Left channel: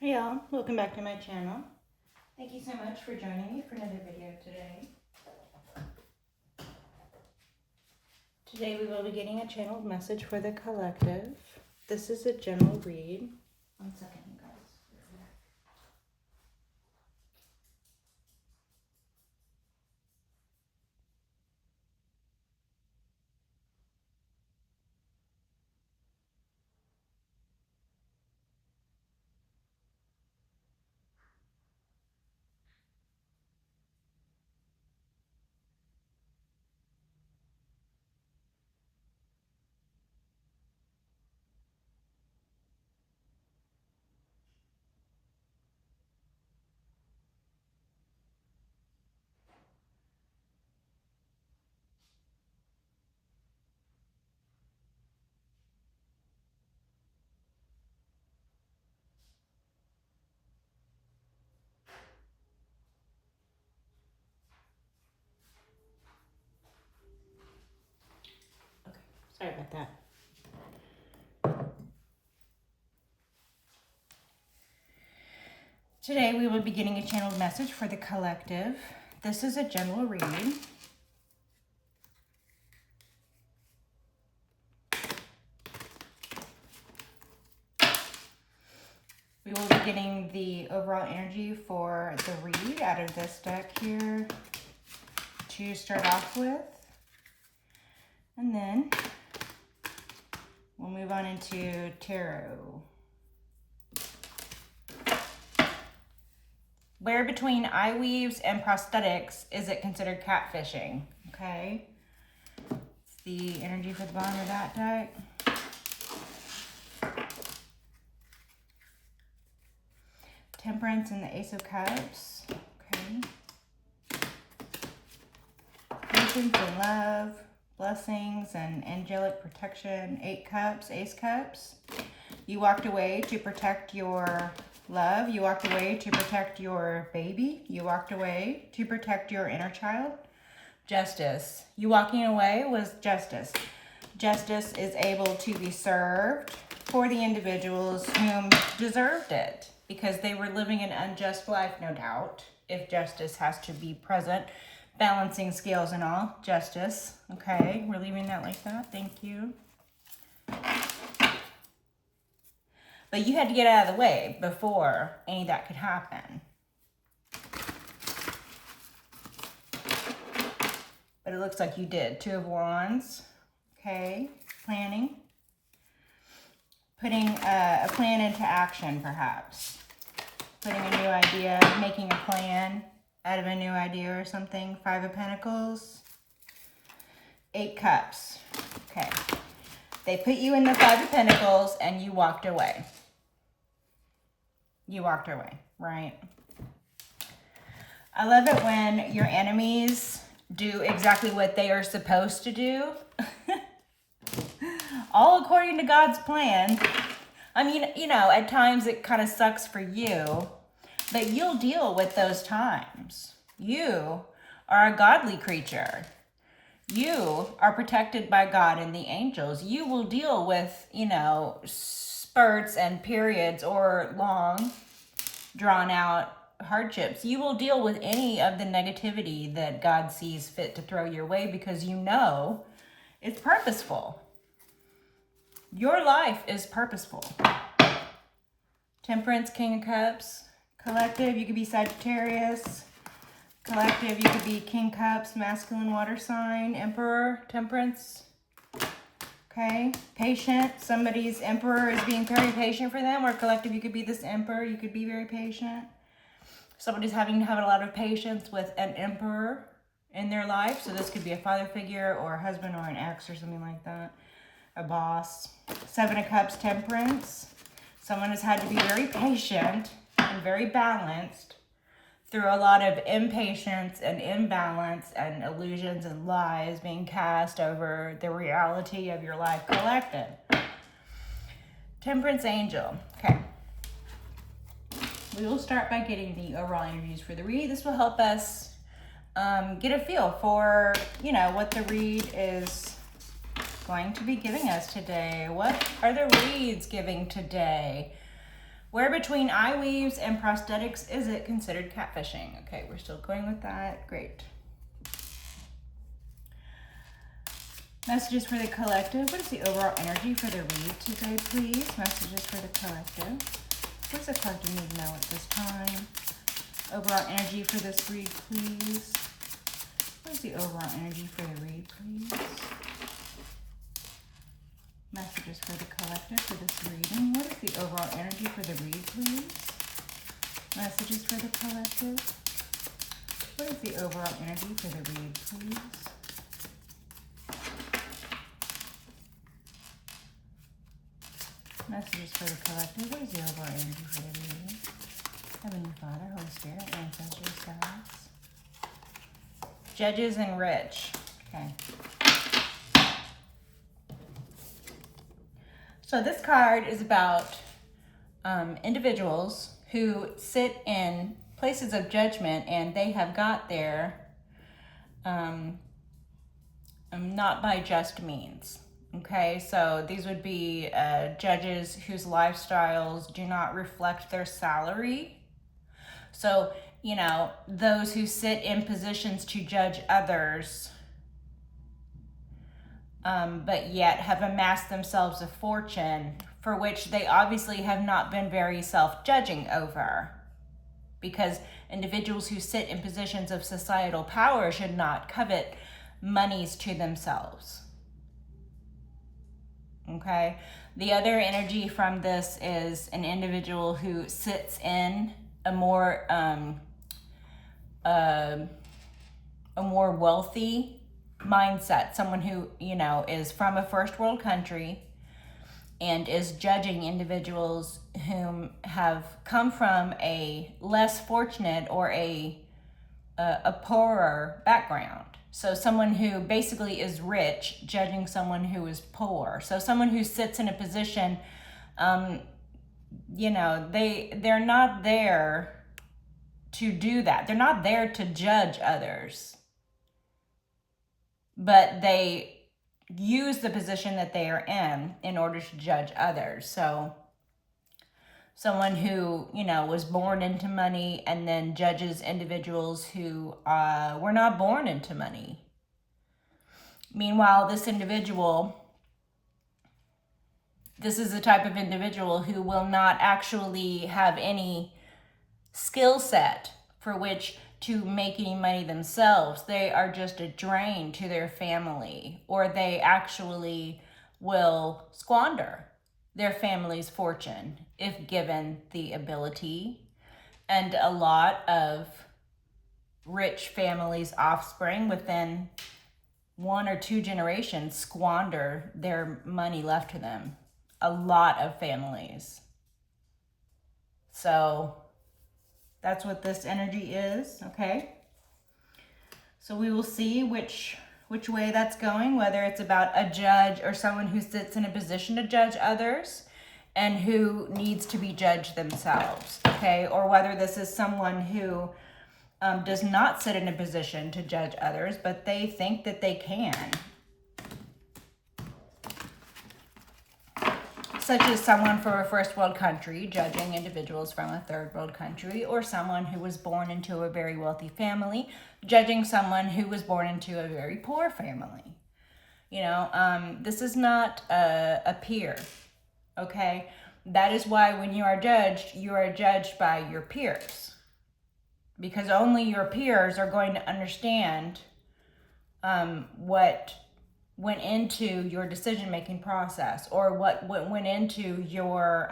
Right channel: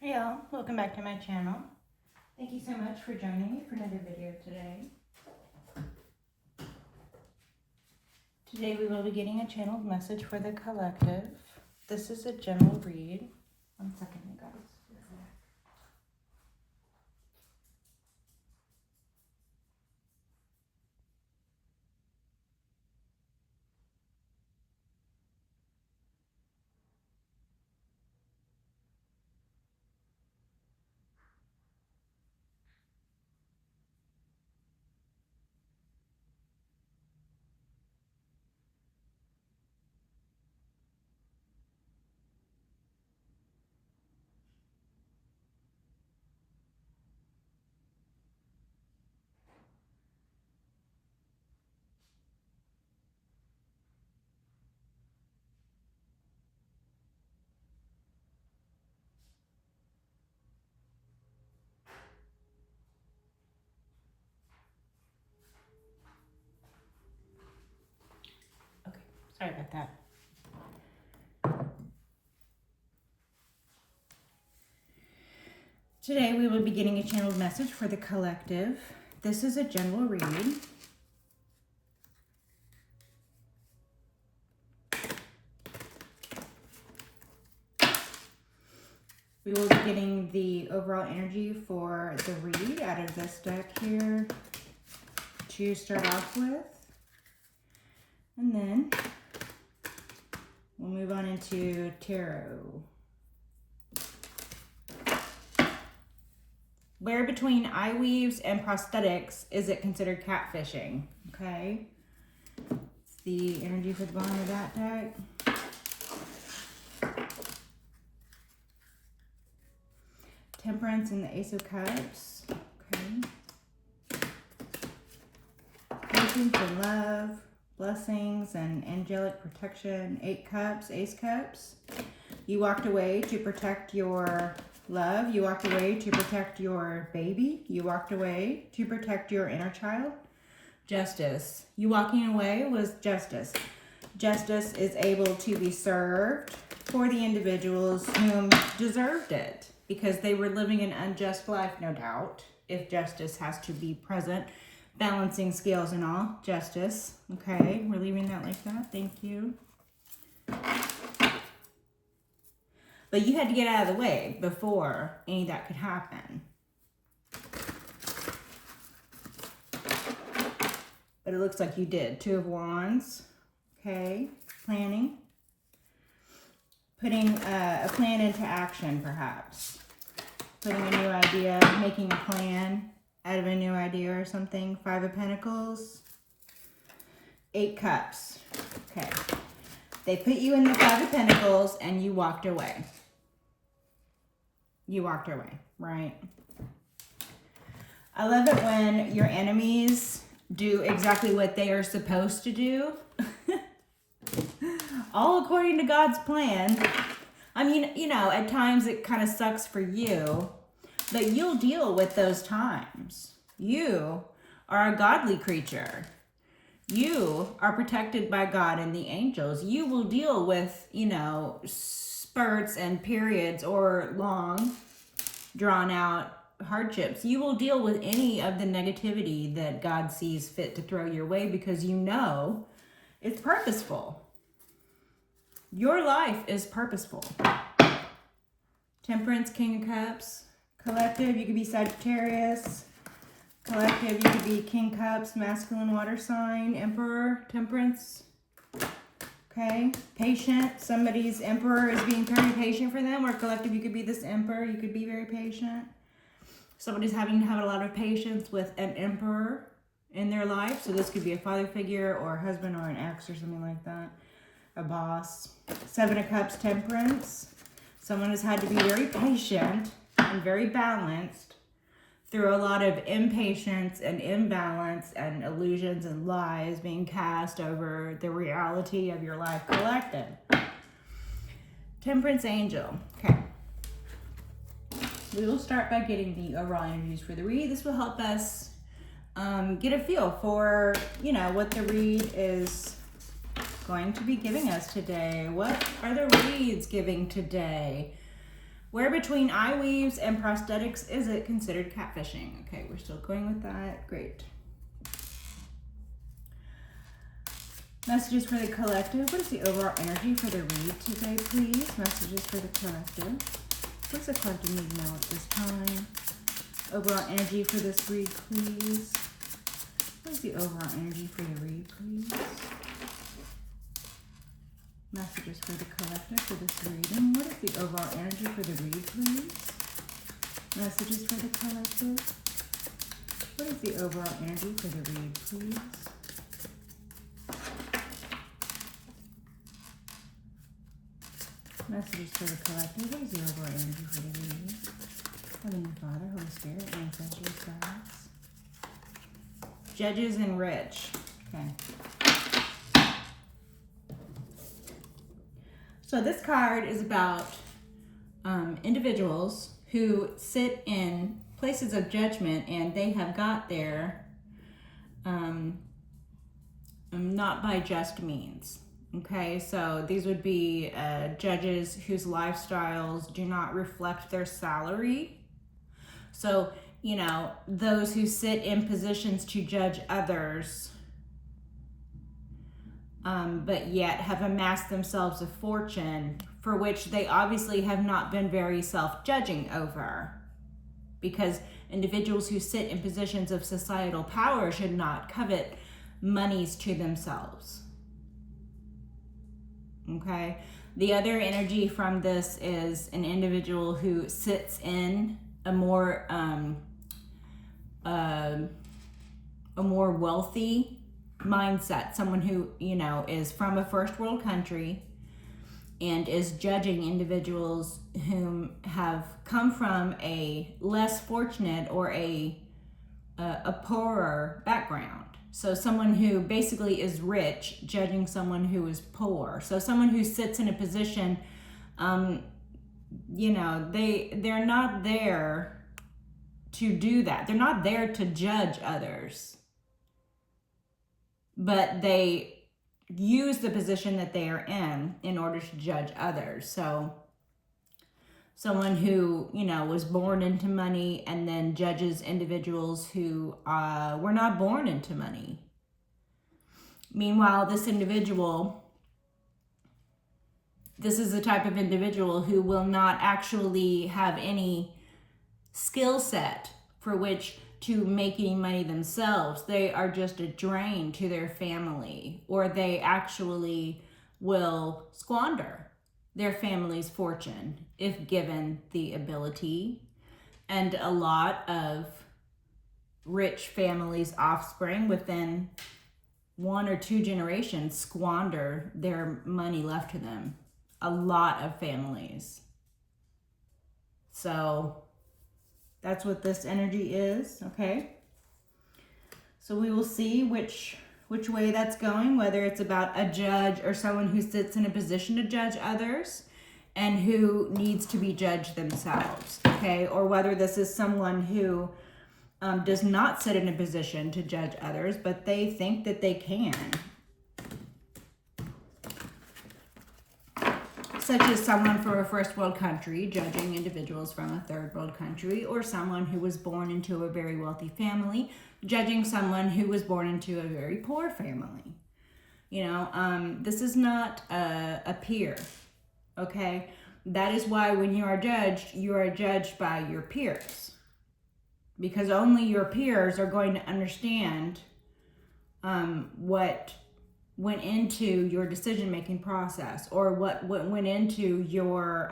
Hey y'all, welcome back to my channel. Thank you so much for joining me for another video today. Today we will be getting a channeled message for the collective. This is a general read. One second, you guys. Okay, sorry about that. Today we will be getting a channeled message for the collective. This is a general read. We will be getting the overall energy for the read out of this deck here to start off with. And then we'll move on into tarot. Where between eye weaves and prosthetics is it considered catfishing? Okay. It's the energy for the bottom of that deck. Temperance and the Ace of Cups. Okay. Patience and love. Blessings and angelic protection. 8 Cups, Ace Cups. You walked away to protect your love. You walked away to protect your baby. You walked away to protect your inner child. Justice. You walking away was justice. Justice is able to be served for the individuals whom deserved it because they were living an unjust life, no doubt. If justice has to be present, balancing scales and all. Justice. Okay, we're leaving that like that. Thank you. But you had to get out of the way before any of that could happen. But it looks like you did. 2 of Wands. Okay. Planning. Putting a plan into action, perhaps. Putting a new idea, making a plan out of a new idea or something. 5 of Pentacles. 8 Cups. Okay. They put you in the 5 of Pentacles and you walked away. You walked away, right? I love it when your enemies do exactly what they are supposed to do. All according to God's plan. I mean, you know, at times it kind of sucks for you, but you'll deal with those times. You are a godly creature. You are protected by God and the angels. You will deal with, you know, spurts and periods or long, drawn out hardships. You will deal with any of the negativity that God sees fit to throw your way because you know it's purposeful. Your life is purposeful. Temperance, King of Cups. Collective, you could be Sagittarius. Collective, you could be King Cups, masculine water sign. Emperor, Temperance. Okay. Patient, somebody's Emperor is being very patient for them. Or collective, you could be this Emperor. You could be very patient. Somebody's having to have a lot of patience with an Emperor in their life. So this could be a father figure or a husband or an ex or something like that. A boss. 7 of Cups, Temperance. Someone has had to be very patient and very balanced through a lot of impatience and imbalance and illusions and lies being cast over the reality of your life collected. Temperance Angel. Okay. We will start by getting the overall energies for the read. This will help us get a feel for, you know, what the read is going to be giving us today. What are the reads giving today? Where between eye weaves and prosthetics is it considered catfishing? Okay, we're still going with that. Great. Messages for the collective. What is the overall energy for the read today, please? Messages for the collective. What does the collective need to know at this time? Overall energy for this read, please. What is the overall energy for the read, please? Messages for the collective for this reading. What is the overall energy for the read, please? Messages for the collective. What is the overall energy for the read, please? Messages for the collective. What is the overall energy for the reading? Heavenly Father, Holy Spirit, ancestors, guides. Judges and rich. Okay. So this card is about individuals who sit in places of judgment, and they have got there not by just means. Okay, so these would be judges whose lifestyles do not reflect their salary. So, you know, those who sit in positions to judge others, but yet have amassed themselves a fortune for which they obviously have not been very self-judging over. Because individuals who sit in positions of societal power should not covet monies to themselves. Okay? The other energy from this is an individual who sits in a more wealthy mindset, someone who, you know, is from a first world country and is judging individuals whom have come from a less fortunate or a poorer background. So someone who basically is rich judging someone who is poor. So someone who sits in a position, you know, they're not there to do that. They're not there to judge others, but they use the position that they are in order to judge others. So someone who, you know, was born into money and then judges individuals who were not born into money. Meanwhile, this is the type of individual who will not actually have any skill set for which to make any money themselves. They are just a drain to their family, or they actually will squander their family's fortune if given the ability. And a lot of rich families' offspring within 1 or 2 generations squander their money left to them. A lot of families. So that's what this energy is, okay? So we will see which way that's going, whether it's about a judge or someone who sits in a position to judge others and who needs to be judged themselves, okay? Or whether this is someone who does not sit in a position to judge others, but they think that they can. Such as someone from a first world country judging individuals from a third world country, or someone who was born into a very wealthy family judging someone who was born into a very poor family. You know, this is not a peer, okay? That is why when you are judged by your peers. Because only your peers are going to understand what went into your decision-making process, or what went into your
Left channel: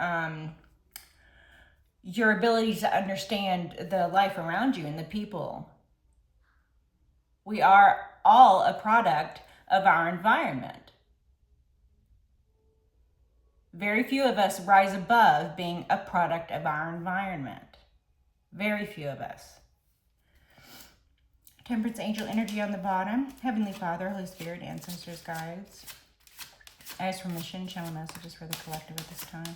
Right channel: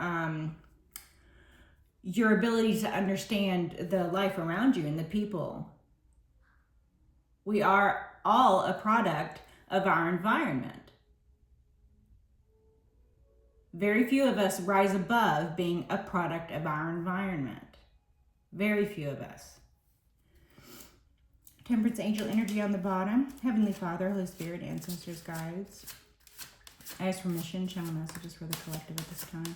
ability to understand the life around you and the people. We are all a product of our environment. Very few of us rise above being a product of our environment. Very few of us. Temperance angel energy on the bottom. Heavenly Father, Holy Spirit, ancestors, guides. I ask permission, channel messages for the collective at this time.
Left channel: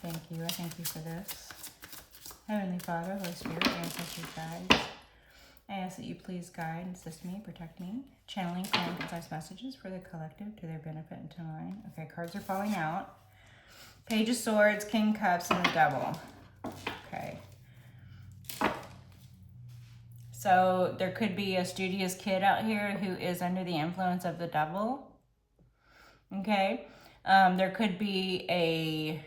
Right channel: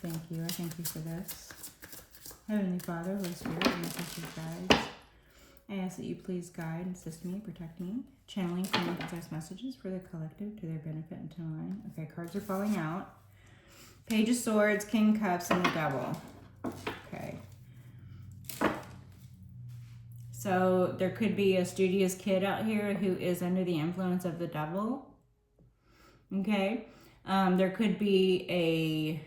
Thank you. I thank you for this. Heavenly Father, Holy Spirit, ancestors, guides. I ask that you please guide and assist me, protect me. Channeling and precise messages for the collective to their benefit and to mine. Okay, cards are falling out. Page of Swords, King of Cups, and the Devil. Okay. So there could be a studious kid out here who is under the influence of the devil. Okay. There could be a...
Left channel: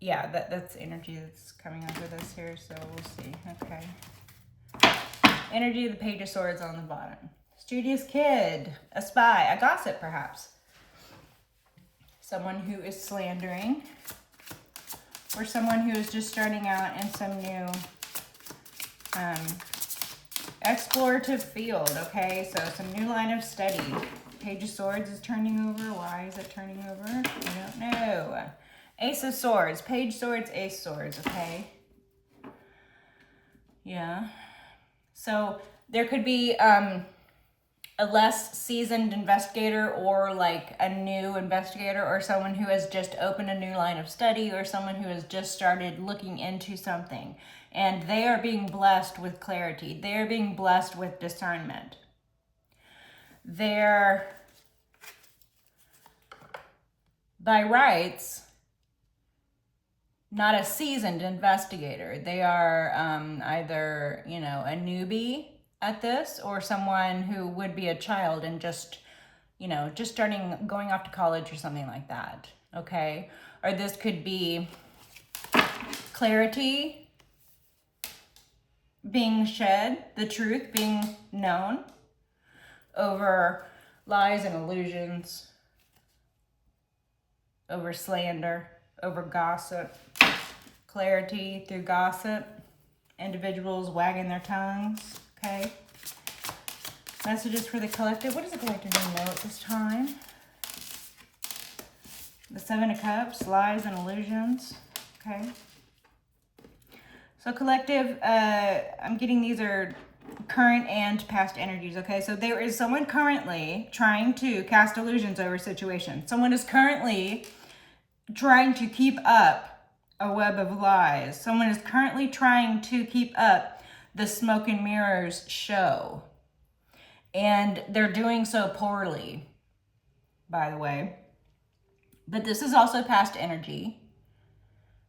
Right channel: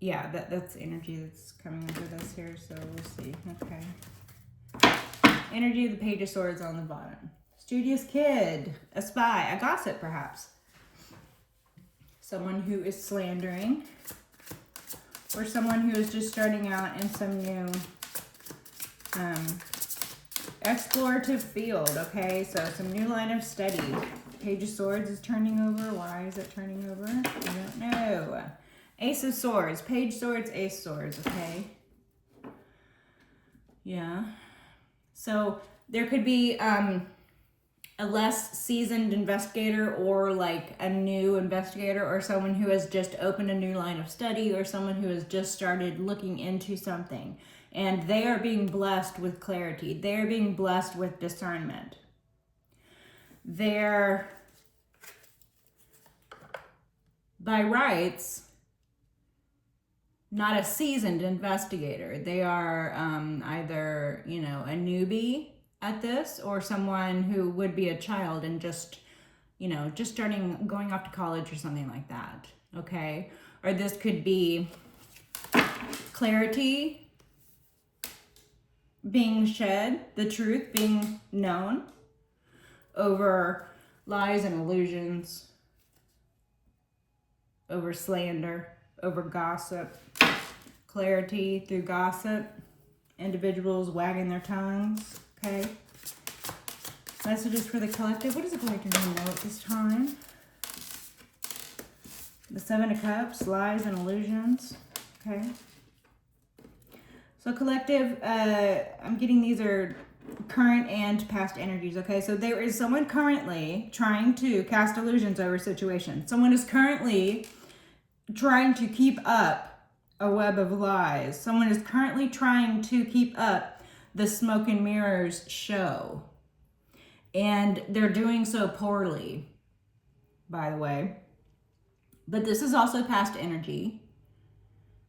Yeah, that's energy that's coming under this here, so we'll see. Okay. Energy of the Page of Swords on the bottom. Studious kid, a spy, a gossip perhaps. Someone who is slandering. Or someone who is just starting out in some new explorative field, okay? So some new line of study. Page of Swords is turning over. Why is it turning over? I don't know. Ace of Swords. Page Swords, Ace Swords, okay? Yeah. So there could be a less seasoned investigator, or like a new investigator, or someone who has just opened a new line of study, or someone who has just started looking into something. And they are being blessed with clarity. They are being blessed with discernment. They're, by rights, not a seasoned investigator. They are either, you know, a newbie at this, or someone who would be a child and just, you know, just starting, going off to college or something like that, okay? Or this could be clarity being shed, the truth being known over lies and illusions, over slander, over gossip, clarity through gossip, individuals wagging their tongues, okay? Messages for the collective. What does the collective need to know at this time? The Seven of Cups, lies and illusions, okay? So collective, I'm getting these are current and past energies, okay? So there is someone currently trying to cast illusions over a situation. Someone is currently trying to keep up a web of lies. Someone is currently trying to keep up the smoke and mirrors show. And they're doing so poorly, by the way. But this is also past energy.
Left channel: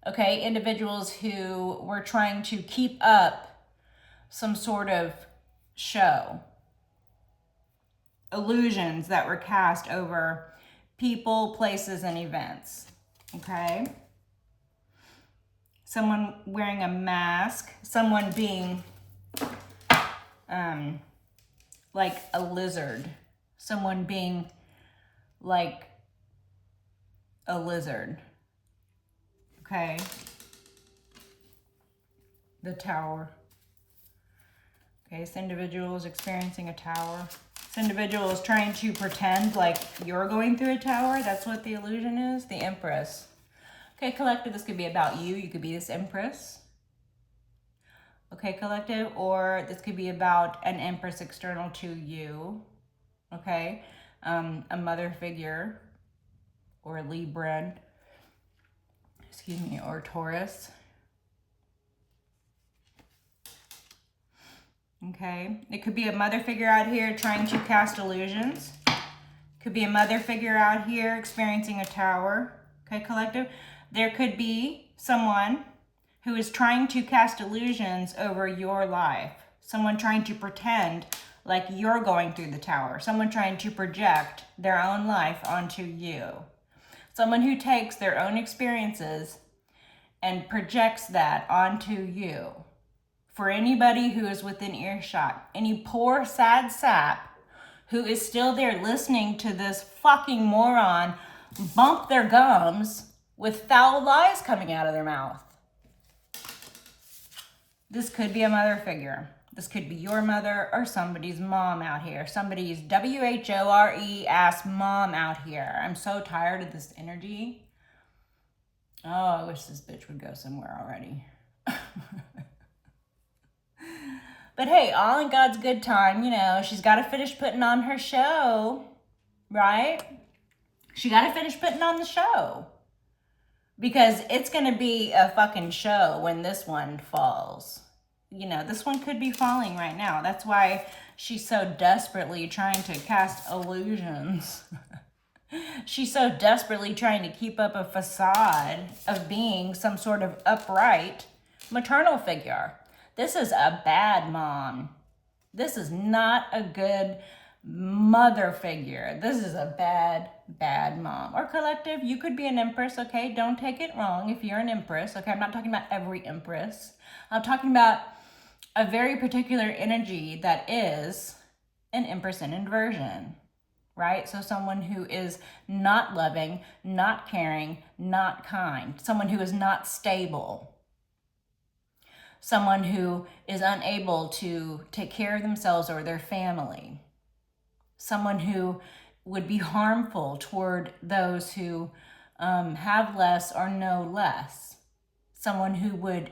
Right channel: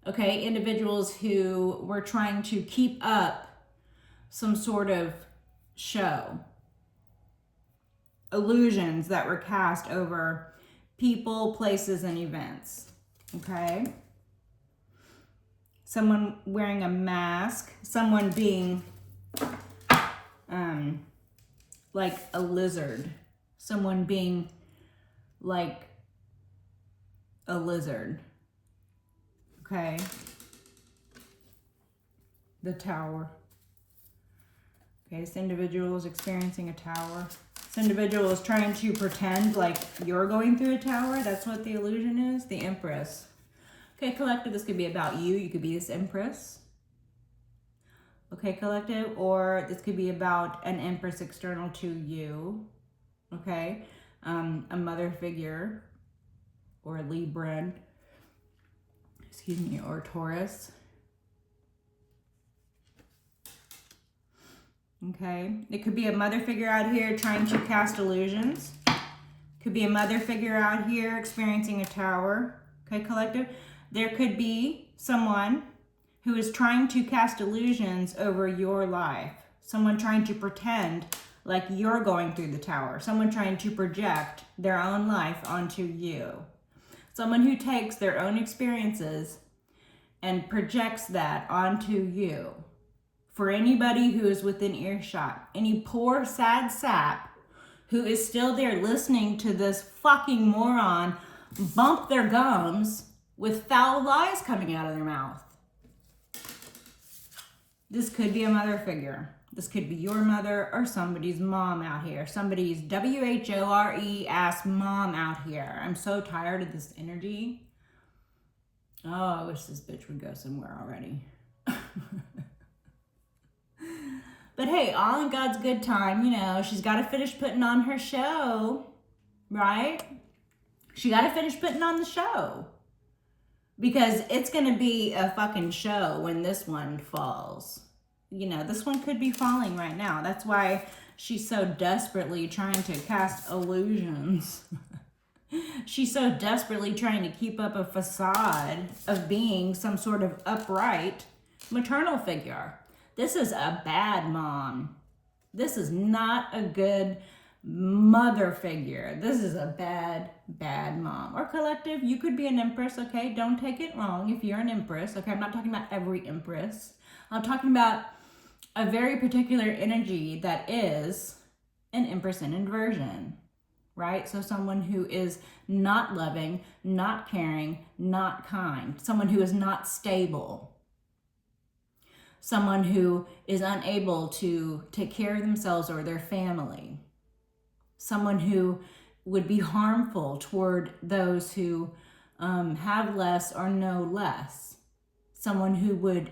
Okay, individuals who were trying to keep up some sort of show. Illusions that were cast over people, places, and events. Okay? Someone wearing a mask. Someone being like a lizard. Someone being like a lizard. Okay. The Tower. Okay, this individual is experiencing a tower. This individual is trying to pretend like you're going through a tower. That's what the illusion is. The Empress. Okay, collective, this could be about you. You could be this Empress. Okay, collective, or this could be about an Empress external to you. Okay, a mother figure, or a Libran. Excuse me, or Taurus. Okay, it could be a mother figure out here trying to cast illusions. Could be a mother figure out here experiencing a tower. Okay, collective. There could be someone who is trying to cast illusions over your life. Someone trying to pretend like you're going through the tower. Someone trying to project their own life onto you. Someone who takes their own experiences and projects that onto you. For anybody who is within earshot, any poor, sad sap who is still there listening to this fucking moron bump their gums with foul lies coming out of their mouth. This could be a mother figure. This could be your mother or somebody's mom out here. Somebody's WHORE ass mom out here. I'm so tired of this energy. Oh, I wish this bitch would go somewhere already. But hey, all in God's good time, you know, she's got to finish putting on her show, right? She got to finish putting on the show. Because it's going to be a fucking show when this one falls. You know, this one could be falling right now. That's why she's so desperately trying to cast illusions. She's so desperately trying to keep up a facade of being some sort of upright maternal figure. This is a bad mom. This is not a good mother figure. This is a bad, bad mom. Or collective, you could be an empress, okay? Don't take it wrong if you're an empress, okay? I'm not talking about every empress. I'm talking about a very particular energy that is an empress in inversion, right? So someone who is not loving, not caring, not kind, someone who is not stable, someone who is unable to take care of themselves or their family, someone who would be harmful toward those who have less or know less, someone who would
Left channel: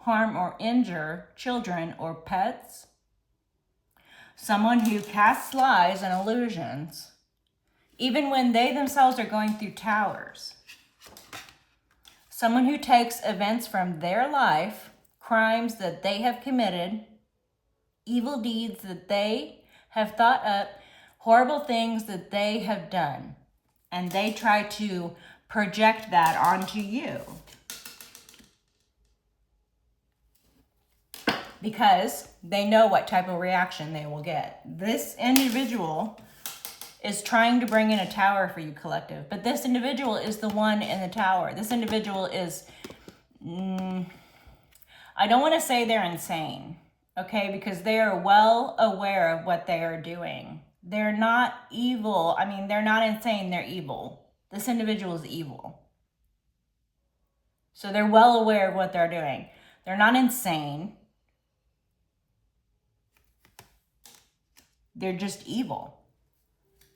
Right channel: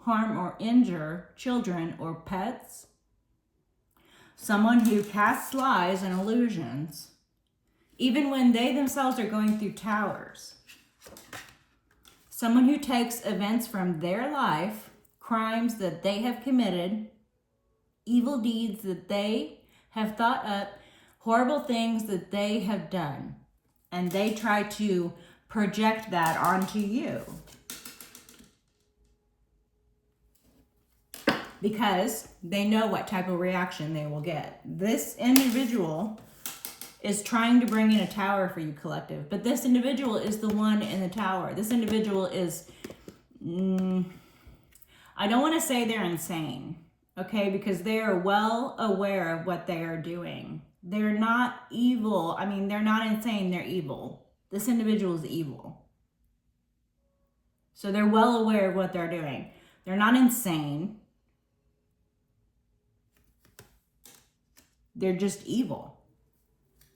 harm or injure children or pets, someone who casts lies and illusions, even when they themselves are going through towers, someone who takes events from their life, crimes that they have committed, evil deeds that they have thought up, horrible things that they have done, and they try to project that onto you. Because they know what type of reaction they will get. This individual is trying to bring in a tower for you, collective, but this individual is the one in the tower. This individual is, I don't want to say they're insane, okay, because they are well aware of what they are doing. They're not evil. I mean, they're not insane, they're evil. This individual is evil. So they're well aware of what they're doing. They're not insane. They're just evil.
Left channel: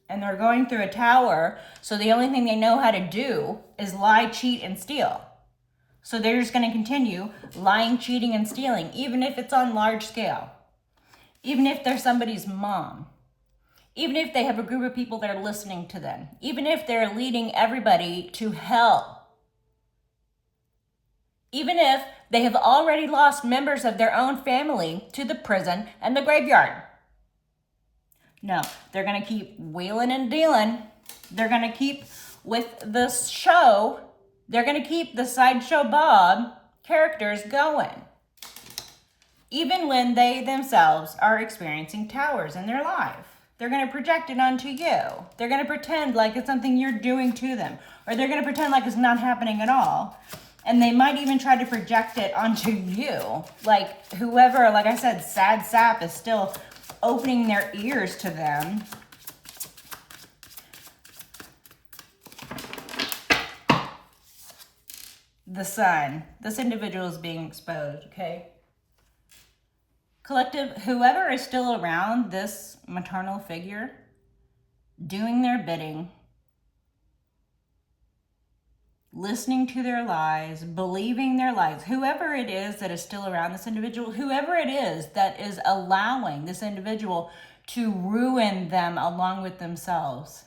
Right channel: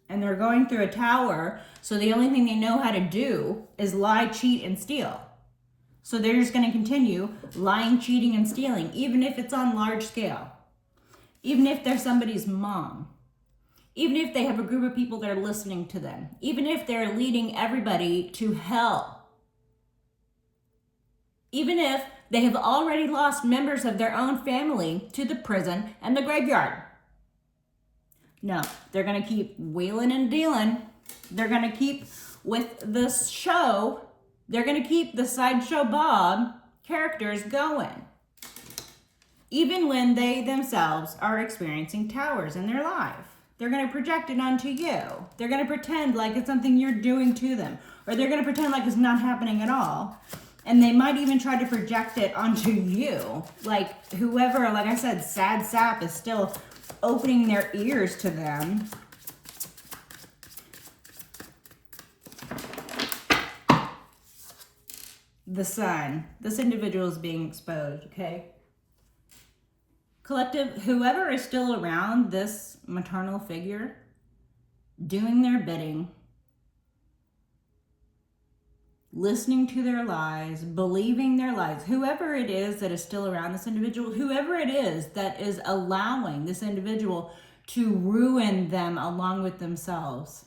And they're going through a tower, so the only thing they know how to do is lie, cheat, and steal. So they're just going to continue lying, cheating, and stealing, even if it's on large scale. Even if they're somebody's mom. Even if they have a group of people that are listening to them. Even if they're leading everybody to hell. Even if they have already lost members of their own family to the prison and the graveyard. No, they're going to keep wheeling and dealing. They're going to keep with the show. They're going to keep the Sideshow Bob characters going. Even when they themselves are experiencing towers in their life. They're going to project it onto you. They're going to pretend like it's something you're doing to them. Or they're going to pretend like it's not happening at all. And they might even try to project it onto you. Like whoever, like I said, Sad Sap is still opening their ears to them. The Sun. This individual is being exposed, okay? Collective, whoever is still around this maternal figure, doing their bidding, listening to their lies, believing their lies, whoever it is that is still around this individual, whoever it is that is allowing this individual to ruin them along with themselves.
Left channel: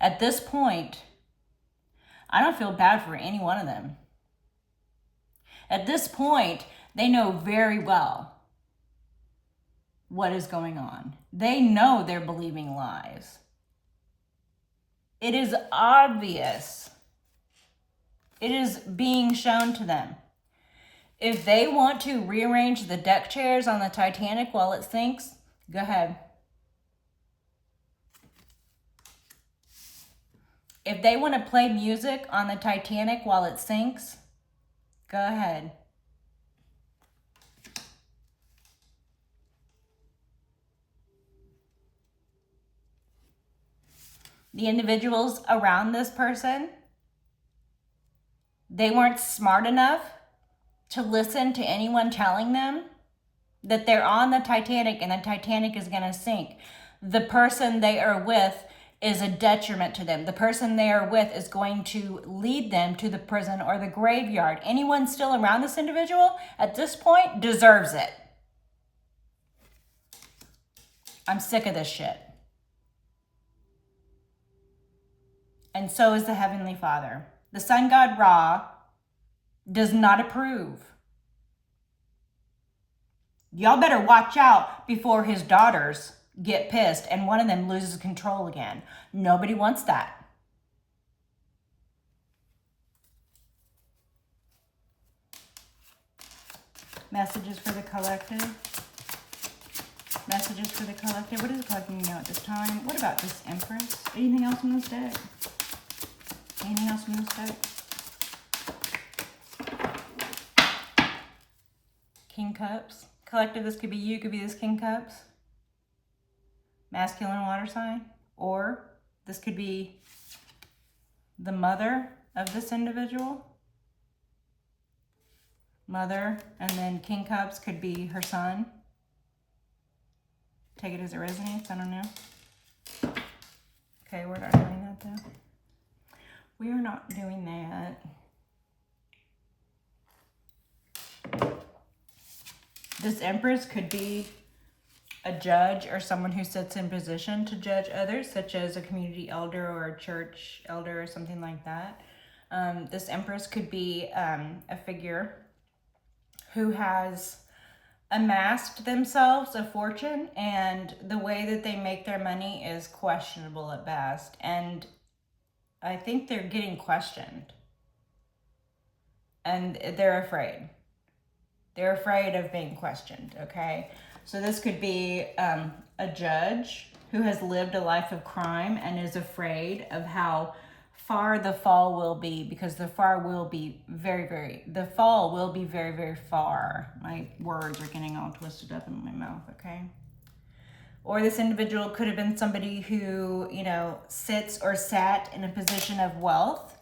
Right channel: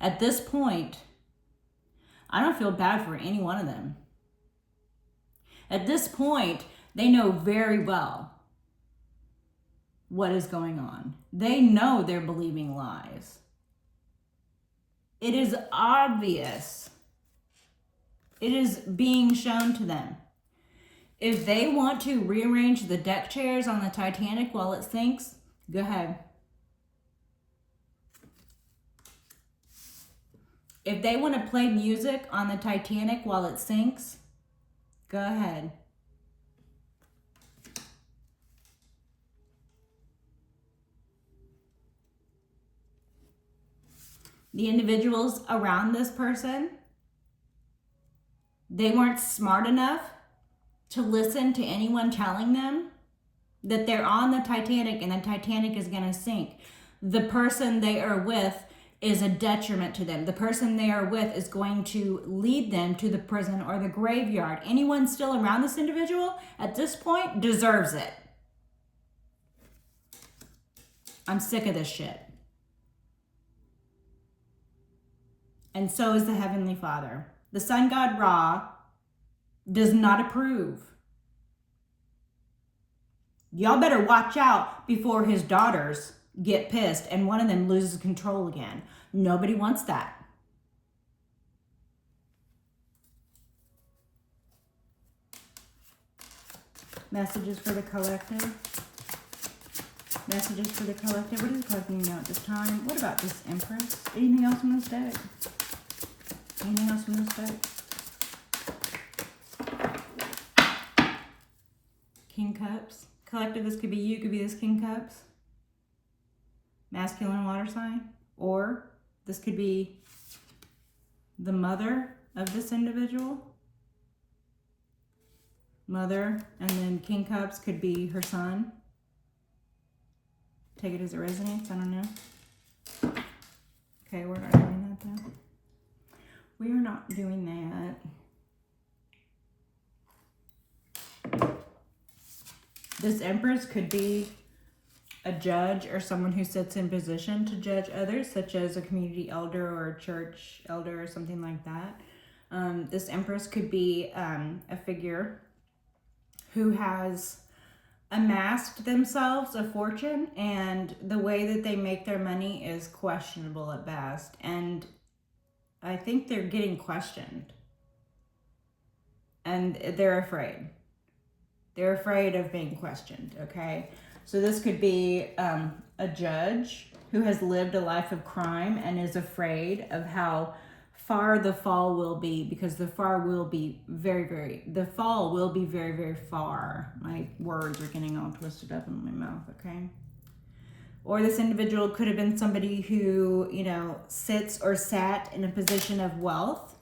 At this point, I don't feel bad for any one of them. At this point, they know very well what is going on. They know they're believing lies. It is obvious. It is being shown to them. If they want to rearrange the deck chairs on the Titanic while it sinks, go ahead. If they want to play music on the Titanic while it sinks, go ahead. The individuals around this person, they weren't smart enough to listen to anyone telling them that they're on the Titanic and the Titanic is going to sink. The person they are with is a detriment to them. The person they are with is going to lead them to the prison or the graveyard. Anyone still around this individual at this point deserves it. I'm sick of this shit. And so is the Heavenly Father. The sun god Ra does not approve. Y'all better watch out before his daughters get pissed and one of them loses control again. Nobody wants that. Messages for the collective. Messages for the collective. What is the collective need to know at this time? What about this Empress? Anything else from this deck? Anything else from this deck? King Cups. Collective, this could be you, could be this King Cups. Masculine water sign. Or this could be the mother of this individual. Mother, and then King Cups could be her son. Take it as it resonates, I don't know. Okay, we're not doing that though. We are not doing that. This Empress could be a judge or someone who sits in position to judge others, such as a community elder or a church elder or something like that. This Empress could be a figure who has amassed themselves a fortune, and the way that they make their money is questionable at best. And I think they're getting questioned. And they're afraid. They're afraid of being questioned, okay? So this could be a judge who has lived a life of crime and is afraid of how far the fall will be, because the fall will be very, very far. My words are getting all twisted up in my mouth, okay? Or this individual could have been somebody who, you know, sits or sat in a position of wealth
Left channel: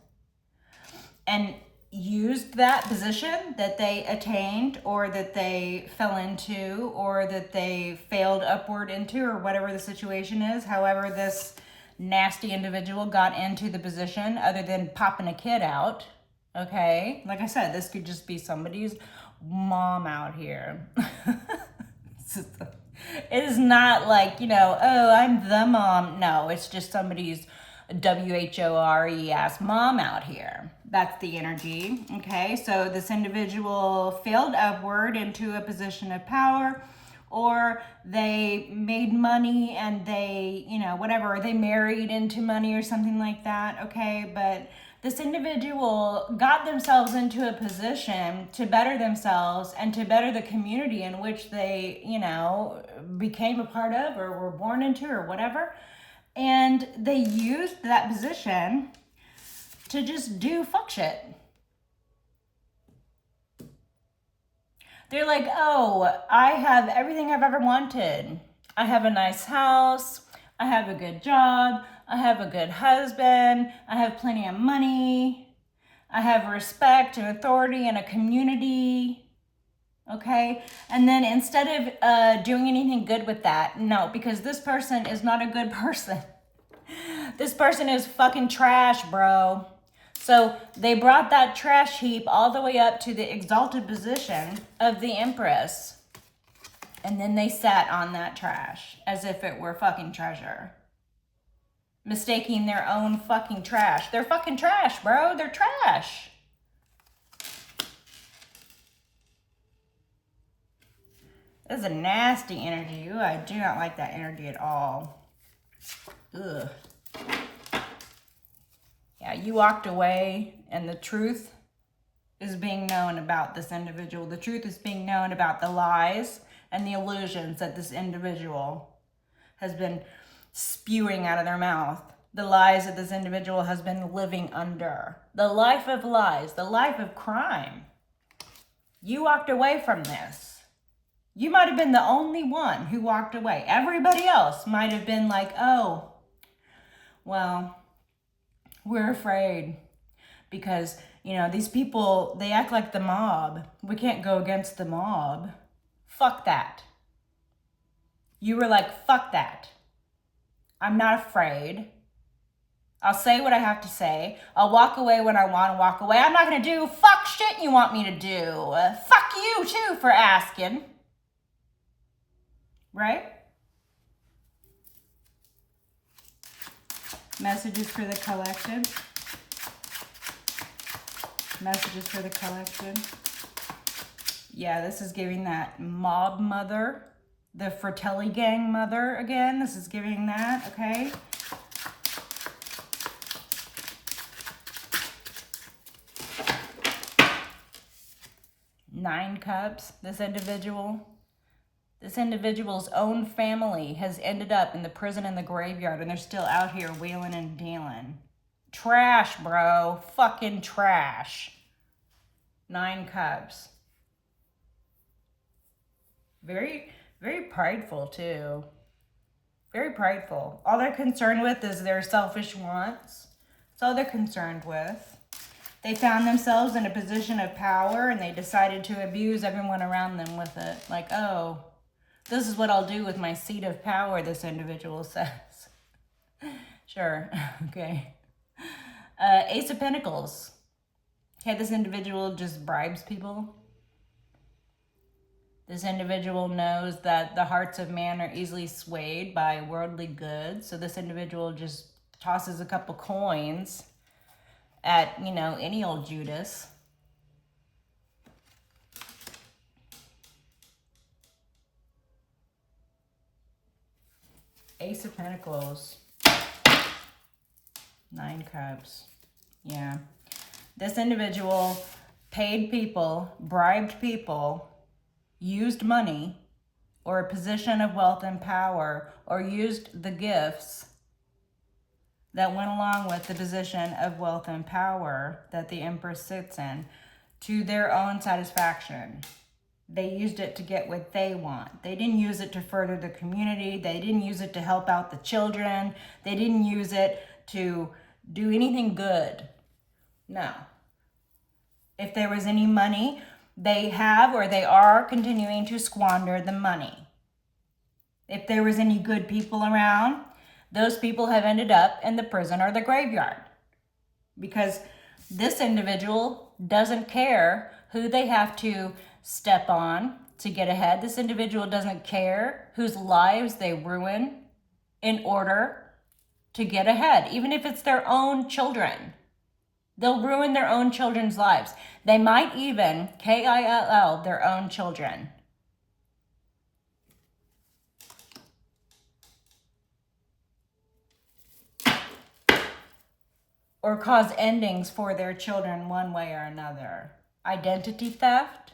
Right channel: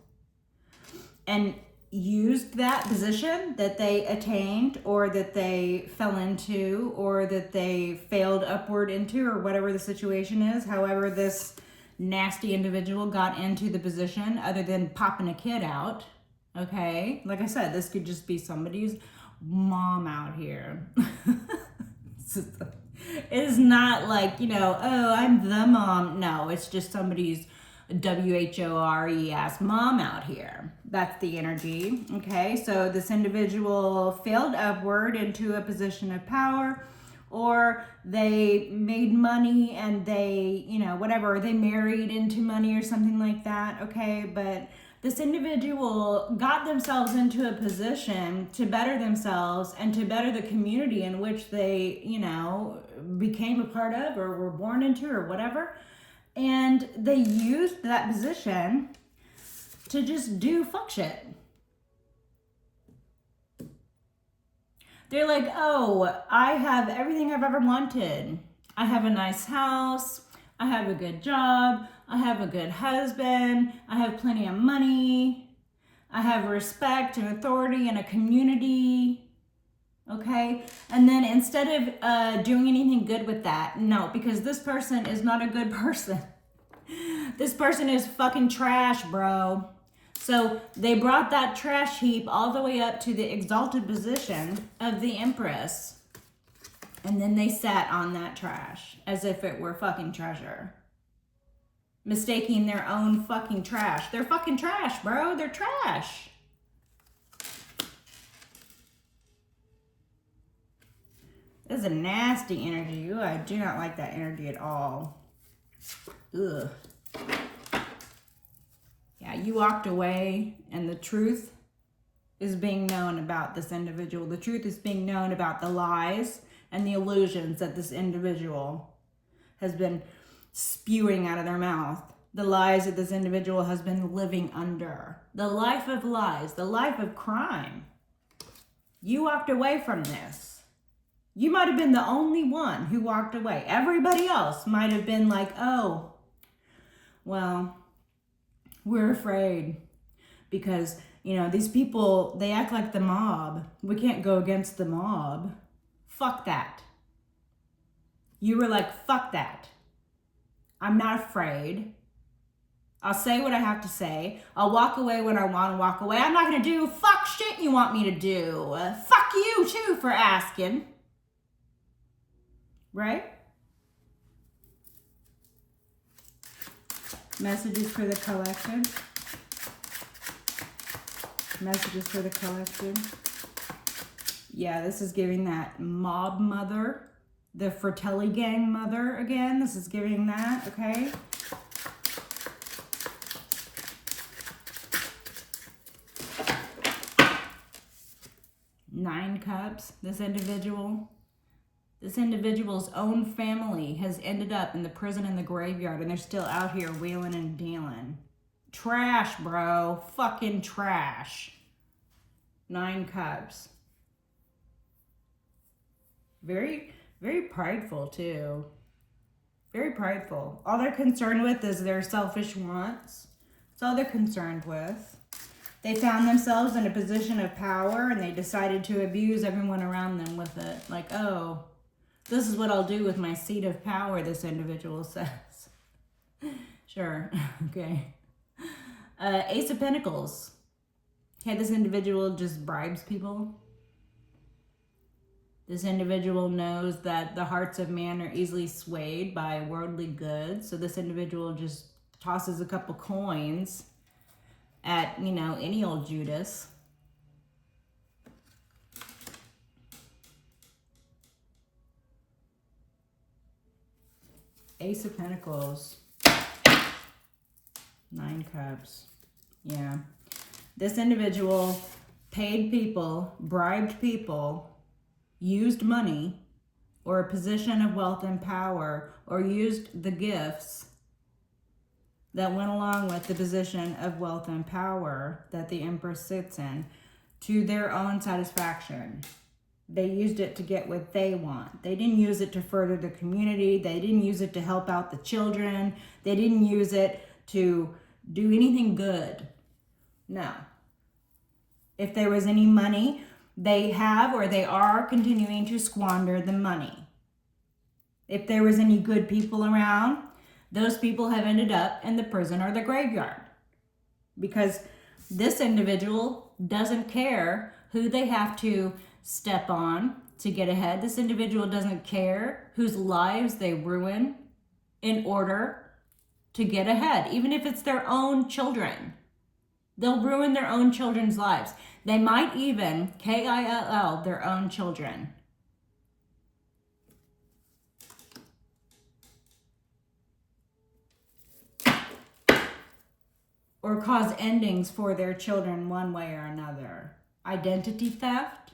and used that position that they attained, or that they fell into, or that they failed upward into, or whatever the situation is. However, this nasty individual got into the position, other than popping a kid out, okay? Like I said, this could just be somebody's mom out here. It is not like, you know, oh, I'm the mom. No, it's just somebody's WHORE ass mom out here. That's the energy, okay? So this individual failed upward into a position of power, or they made money and they, you know, whatever, they married into money or something like that, okay? But this individual got themselves into a position to better themselves and to better the community in which they, you know, became a part of or were born into or whatever. And they used that position to just do fuck shit. They're like, oh, I have everything I've ever wanted. I have a nice house. I have a good job. I have a good husband. I have plenty of money. I have respect and authority in a community. Okay? And then instead of doing anything good with that, no, because this person is not a good person. This person is fucking trash, bro. So they brought that trash heap all the way up to the exalted position of the Empress. And then they sat on that trash as if it were fucking treasure. Mistaking their own fucking trash. They're fucking trash, bro. They're trash. That's a nasty energy. Ooh, I do not like that energy at all. Ugh. Yeah, you walked away and the truth is being known about this individual. The truth is being known about the lies and the illusions that this individual has been spewing out of their mouth. The lies that this individual has been living under. The life of lies, the life of crime. You walked away from this. You might have been the only one who walked away. Everybody else might have been like, oh, well, we're afraid because, you know, these people, they act like the mob. We can't go against the mob. Fuck that. You were like, fuck that. I'm not afraid. I'll say what I have to say. I'll walk away when I want to walk away. I'm not going to do fuck shit you want me to do. Fuck you too for asking. Right? Messages for the collective. Messages for the collective. Yeah, this is giving that mob mother. The Fratelli gang mother again. This is giving that, okay? Nine Cups, this individual's own family has ended up in the prison and the graveyard, and they're still out here wheeling and dealing. Trash, bro. Fucking trash. 9 Cups. Very, very prideful, too. Very prideful. All they're concerned with is their selfish wants. That's all they're concerned with. They found themselves in a position of power, and they decided to abuse everyone around them with it. Like, oh, this is what I'll do with my seat of power, this individual says. Sure, okay. Ace of Pentacles. Okay, this individual just bribes people. This individual knows that the hearts of man are easily swayed by worldly goods. So this individual just tosses a couple coins at, you know, any old Judas. Ace of Pentacles. 9 Cups. Yeah. This individual paid people, bribed people, used money or a position of wealth and power, or used the gifts that went along with the position of wealth and power that the Empress sits in to their own satisfaction. They used it to get what they want. They didn't use it to further the community. They didn't use it to help out the children. They didn't use it to do anything good. No. If there was any money, they have or they are continuing to squander the money. If there was any good people around, those people have ended up in the prison or the graveyard, because this individual doesn't care who they have to step on to get ahead. This individual doesn't care whose lives they ruin in order to get ahead, even if it's their own children. They'll ruin their own children's lives. They might even kill their own children. Or cause endings for their children one way or another. Identity theft.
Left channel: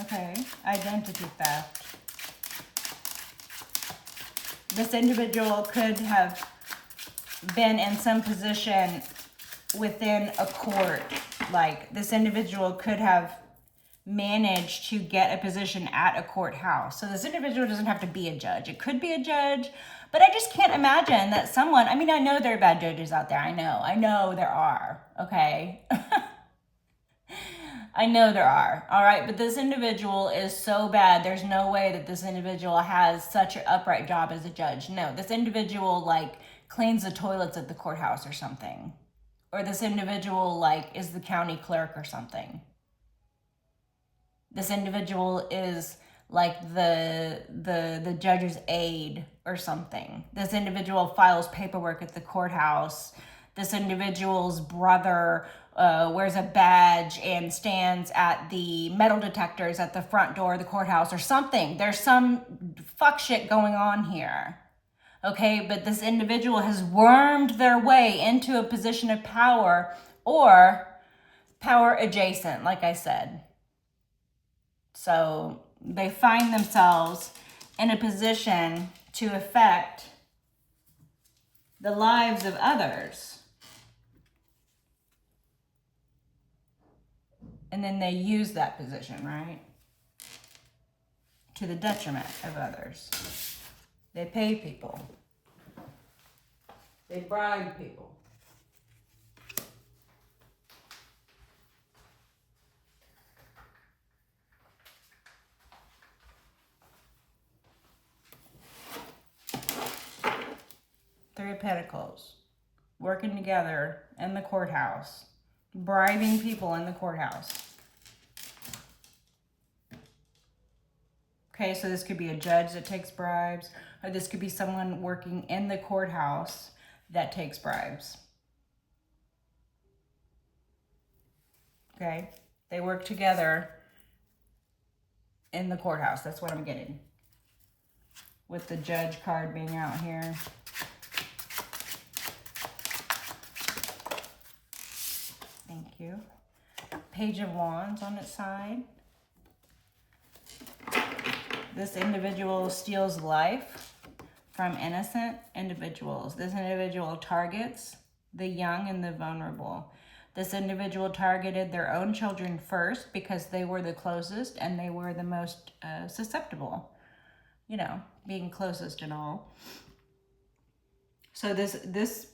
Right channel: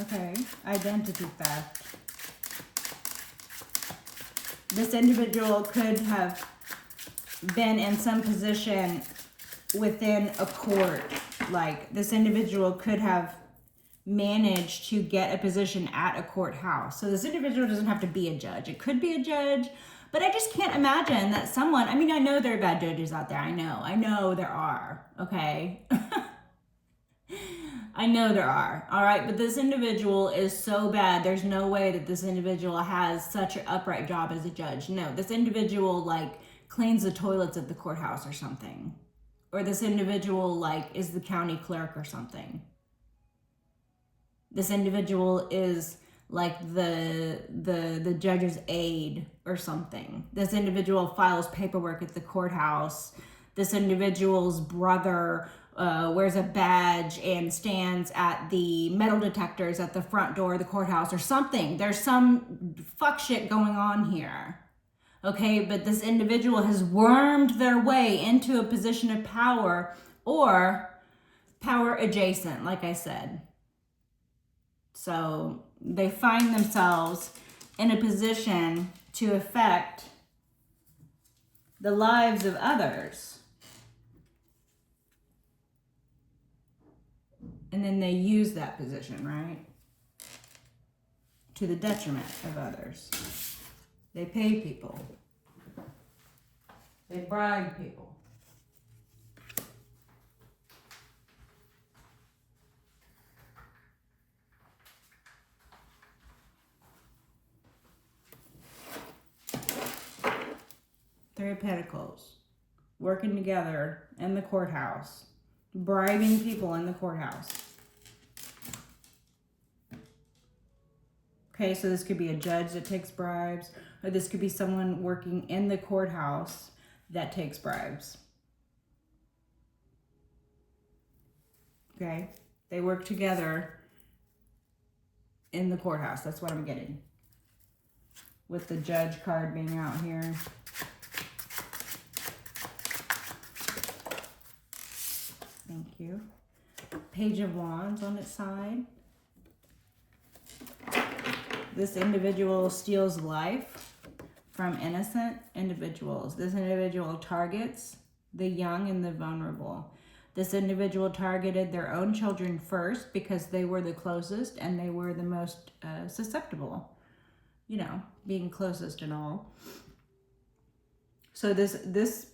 Okay, identity theft. This individual could have been in some position within a court. Like, this individual could have managed to get a position at a courthouse. So this individual doesn't have to be a judge. It could be a judge, but I just can't imagine that someone, I mean, I know there are bad judges out there. I know there are, okay? I know there are, all right? But this individual is so bad, there's no way that this individual has such an upright job as a judge. No, this individual, like, cleans the toilets at the courthouse or something. Or this individual, like, is the county clerk or something. This individual is, like, the judge's aide or something. This individual files paperwork at the courthouse. This individual's brother wears a badge and stands at the metal detectors at the front door of the courthouse or something. There's some fuck shit going on here. Okay, but this individual has wormed their way into a position of power or power adjacent, like I said. So they find themselves in a position to affect the lives of others. And then they use that position, right? To the detriment of others. They pay people. They bribe people. Three of Pentacles. Working together in the courthouse. Bribing people in the courthouse. Okay, so this could be a judge that takes bribes, or this could be someone working in the courthouse that takes bribes. Okay, they work together in the courthouse. That's what I'm getting. With the judge card being out here. Page of Wands on its side. This individual steals life from innocent individuals. This individual targets the young and the vulnerable. This individual targeted their own children first because they were the closest and they were the most susceptible, you know, being closest and all. So this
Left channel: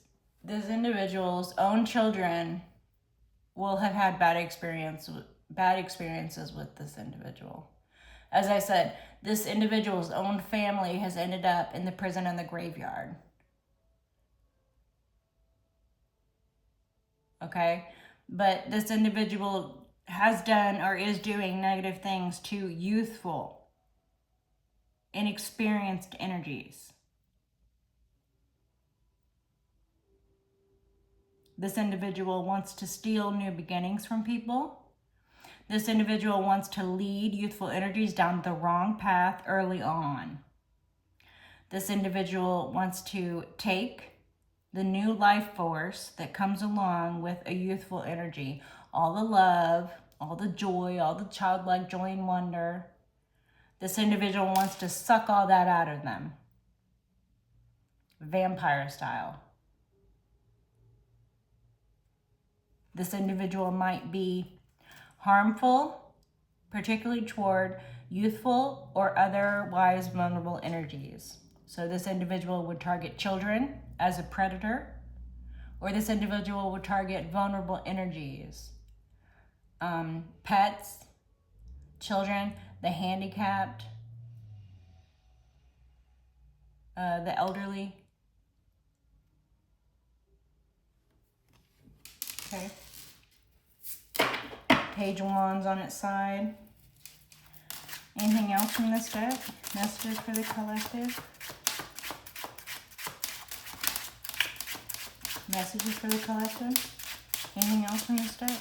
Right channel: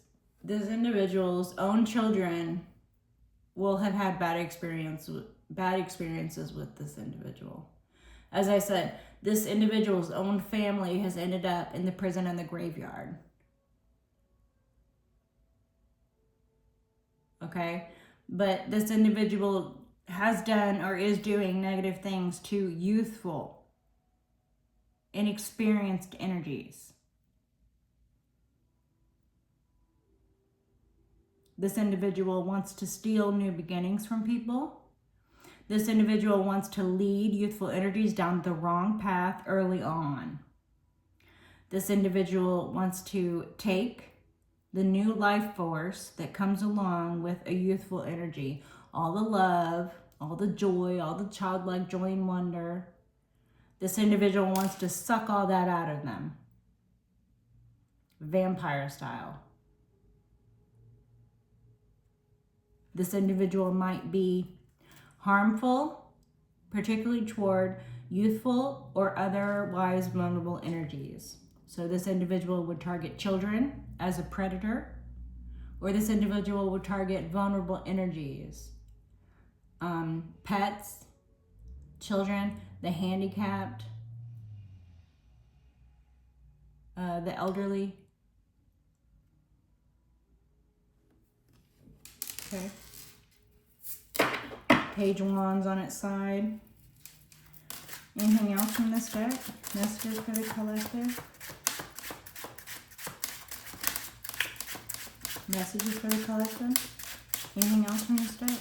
individual's own children will have had bad experiences with this individual. As I said, this individual's own family has ended up in the prison and the graveyard. Okay? But this individual has done or is doing negative things to youthful, inexperienced energies. This individual wants to steal new beginnings from people. This individual wants to lead youthful energies down the wrong path early on. This individual wants to take the new life force that comes along with a youthful energy. All the love, all the joy, all the childlike joy and wonder. This individual wants to suck all that out of them. Vampire style. This individual might be harmful, particularly toward youthful or otherwise vulnerable energies. So this individual would target children as a predator, or this individual would target vulnerable energies. Pets, children, the handicapped, the elderly. Okay. Page of Wands on its side. Anything else from this deck? Messages for the collective? Messages for the collective? Anything else from this deck?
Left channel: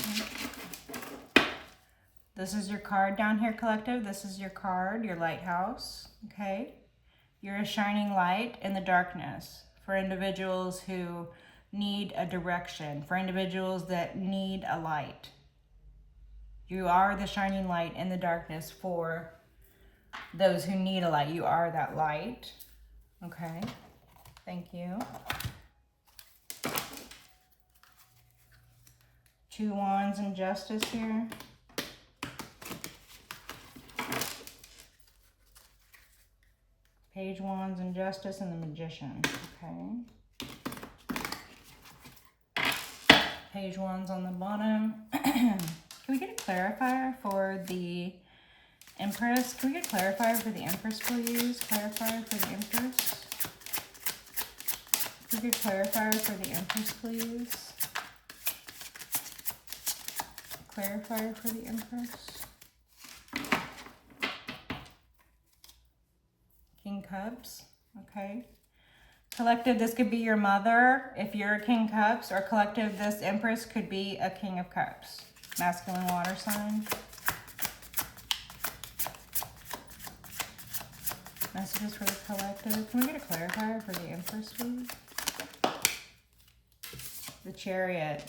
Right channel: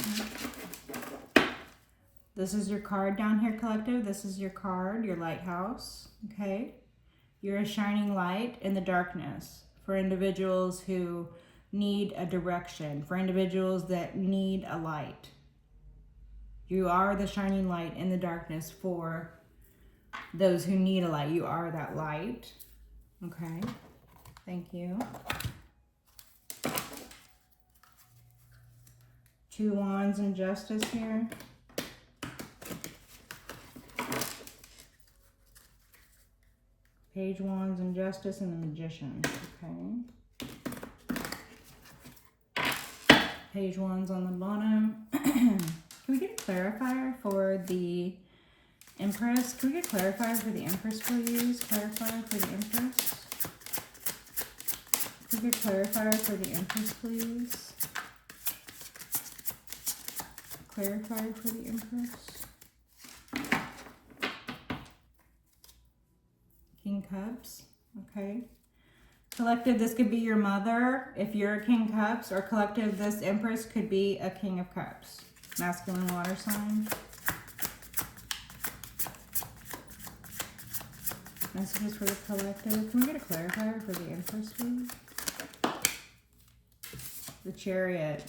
Okay. This is your card down here, collective. This is your card, your lighthouse. Okay. You're a shining light in the darkness for individuals who need a direction, for individuals that need a light. You are the shining light in the darkness for those who need a light. You are that light. Okay, thank you. 2 Wands and Justice here. Page Wands and Justice and the Magician. Okay. Page Wands on the bottom. Can we get a clarifier for the Empress? Can we get a clarifier for the Empress, please? Clarifier for the Empress. Can we get a clarifier for the Empress, please? Clarifier for the Empress. King Cups. Okay. Collective, this could be your mother if you're a King Cups, or collective, this Empress could be a King of Cups. Masculine water sign. Messages for the collective. Can we get a clarifier for the Empress, please? The Chariot.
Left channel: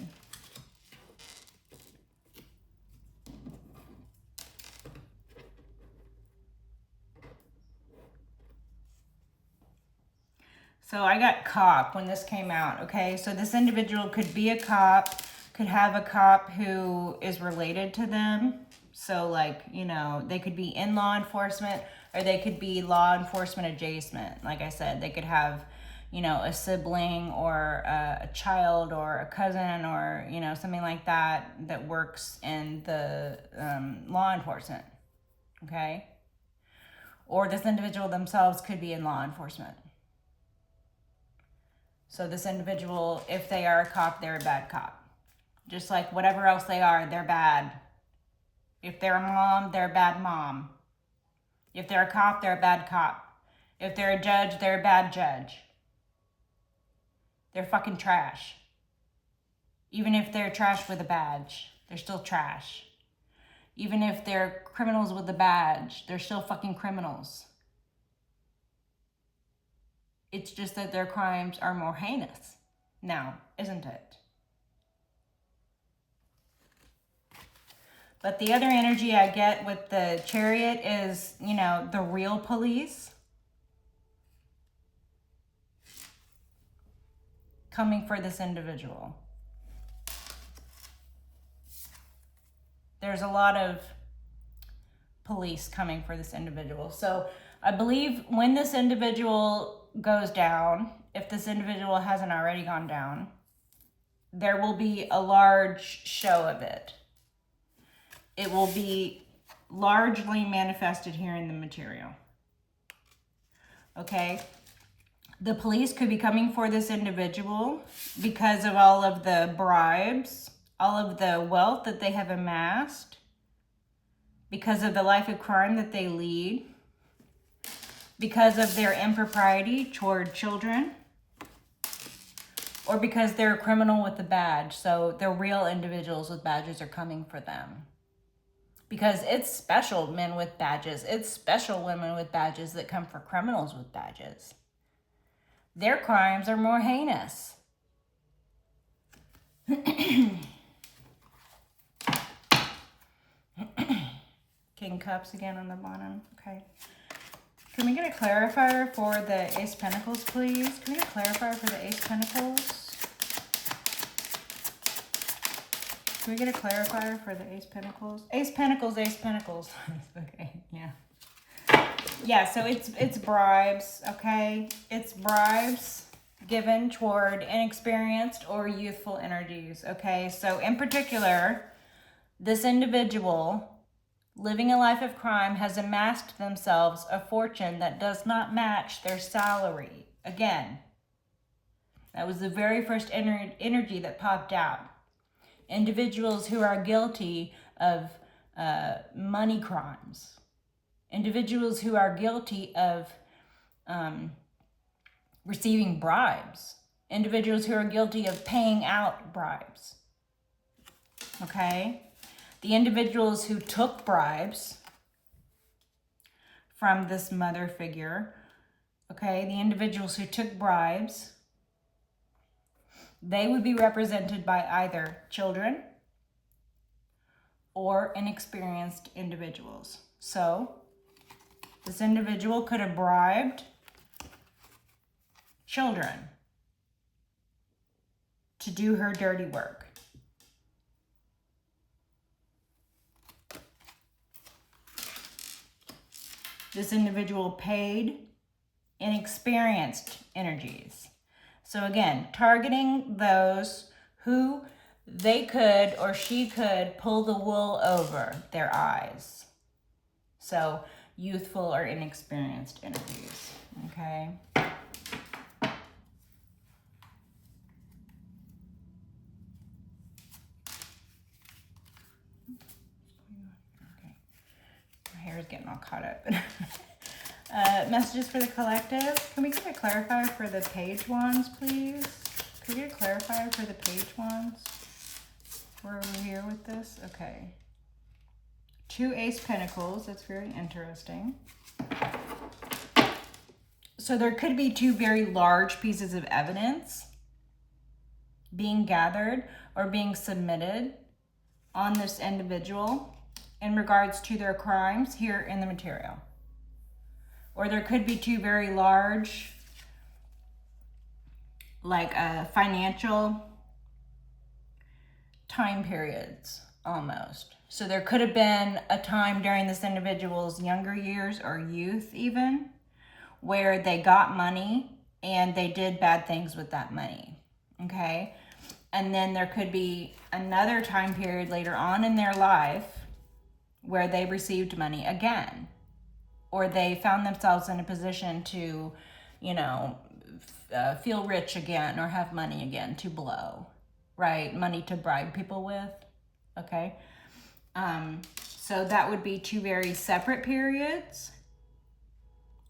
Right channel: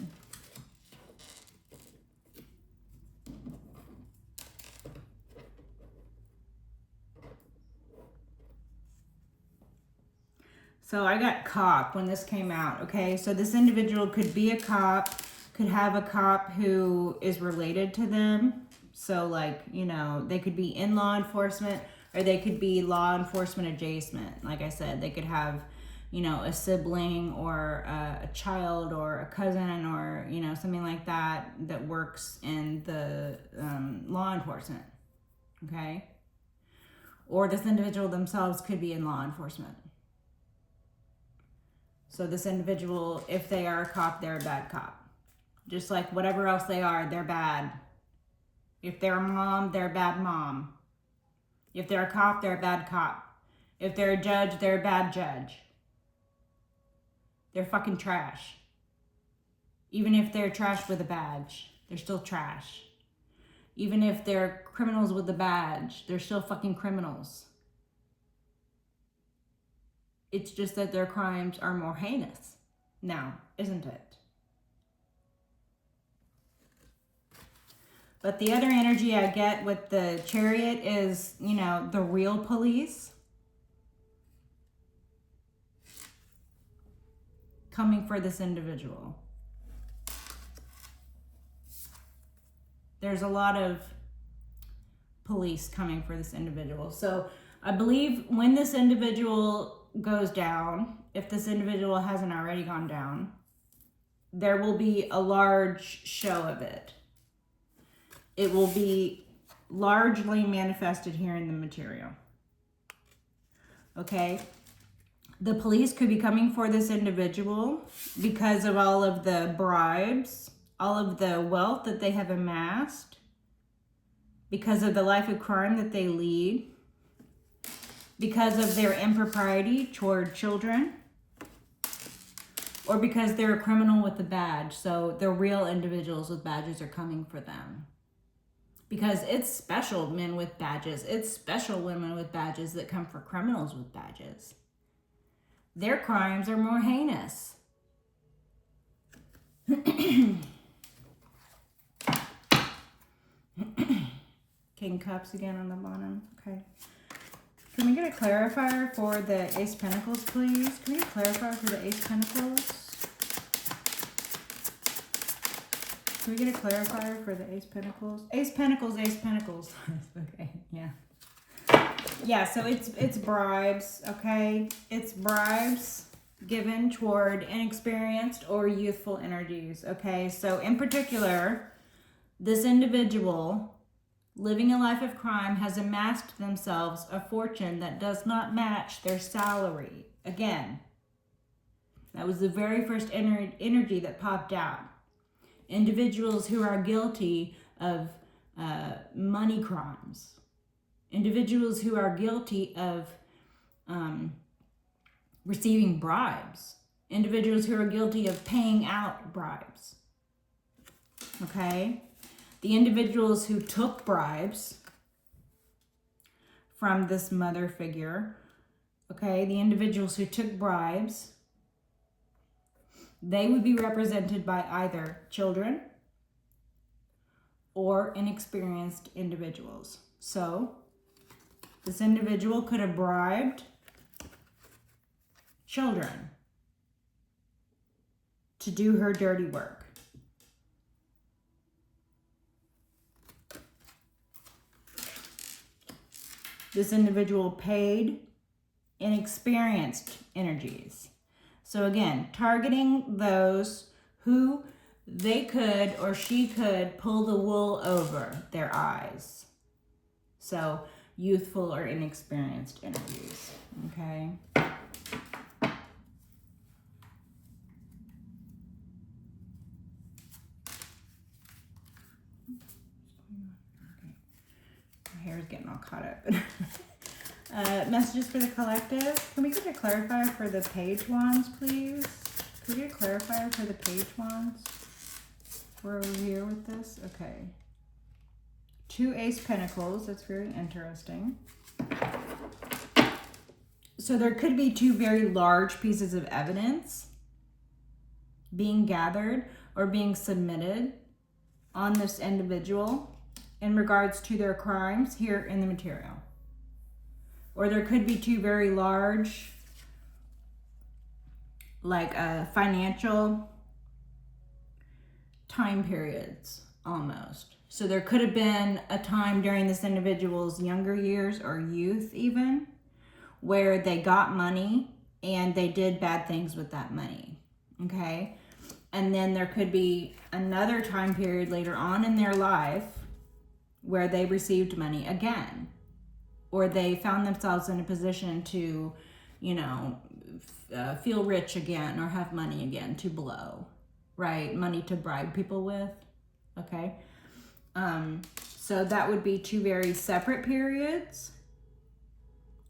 So I got cop when this came out, okay? So this individual could be a cop, could have a cop who is related to them. So like, you know, they could be in law enforcement, or they could be law enforcement adjacent. Like I said, they could have, you know, a sibling or a child or a cousin or, you know, something like that that works in the law enforcement, okay? Or this individual themselves could be in law enforcement. So this individual, if they are a cop, they're a bad cop. Just like whatever else they are, they're bad. If they're a mom, they're a bad mom. If they're a cop, they're a bad cop. If they're a judge, they're a bad judge. They're fucking trash. Even if they're trash with a badge, they're still trash. Even if they're criminals with a badge, they're still fucking criminals. It's just that their crimes are more heinous now, isn't it? But the other energy I get with the Chariot is, you know, the real police coming for this individual. There's a lot of police coming for this individual. So I believe when this individual goes down, if this individual hasn't already gone down, there will be a large show of it. It will be largely manifested here in the material. Okay? The police could be coming for this individual because of all of the bribes, all of the wealth that they have amassed, because of the life of crime that they lead, because of their impropriety toward children, or because they're a criminal with a badge. So the real individuals with badges are coming for them. Because it's special men with badges. It's special women with badges that come for criminals with badges. Their crimes are more heinous. King Cups again on the bottom. Okay. Can we get a clarifier for the Ace Pentacles, please? Can we get a clarifier for the Ace Pentacles? Can we get a clarifier for the Ace Pentacles? Ace Pentacles, Ace Pentacles. Okay, yeah. Yeah, so it's bribes, okay? It's bribes given toward inexperienced or youthful energies, okay? So in particular, this individual living a life of crime has amassed themselves a fortune that does not match their salary. Again, that was the very first energy that popped out. Individuals who are guilty of money crimes. Individuals who are guilty of receiving bribes. Individuals who are guilty of paying out bribes. Okay? The individuals who took bribes from this mother figure, okay, the individuals who took bribes, they would be represented by either children or inexperienced individuals. So, this individual could have bribed children to do her dirty work. This individual paid inexperienced energies. So again, targeting those who they could or she could pull the wool over their eyes. So youthful or inexperienced energies, okay? My hair is getting all caught up. Messages for the collective. Can we get a clarifier for the page ones, please? Can we get a clarifier for the page ones? We're over here with this. Okay. 2 Ace Pentacles. That's very interesting. So there could be 2 very large pieces of evidence being gathered or being submitted on this individual in regards to their crimes here in the material. Or there could be 2 very large, like financial time periods almost. So there could have been a time during this individual's younger years or youth even, where they got money and they did bad things with that money, okay? And then there could be another time period later on in their life where they received money again, or they found themselves in a position to, you know, feel rich again or have money again to blow, right? Money to bribe people with, okay? So that would be 2 very separate periods.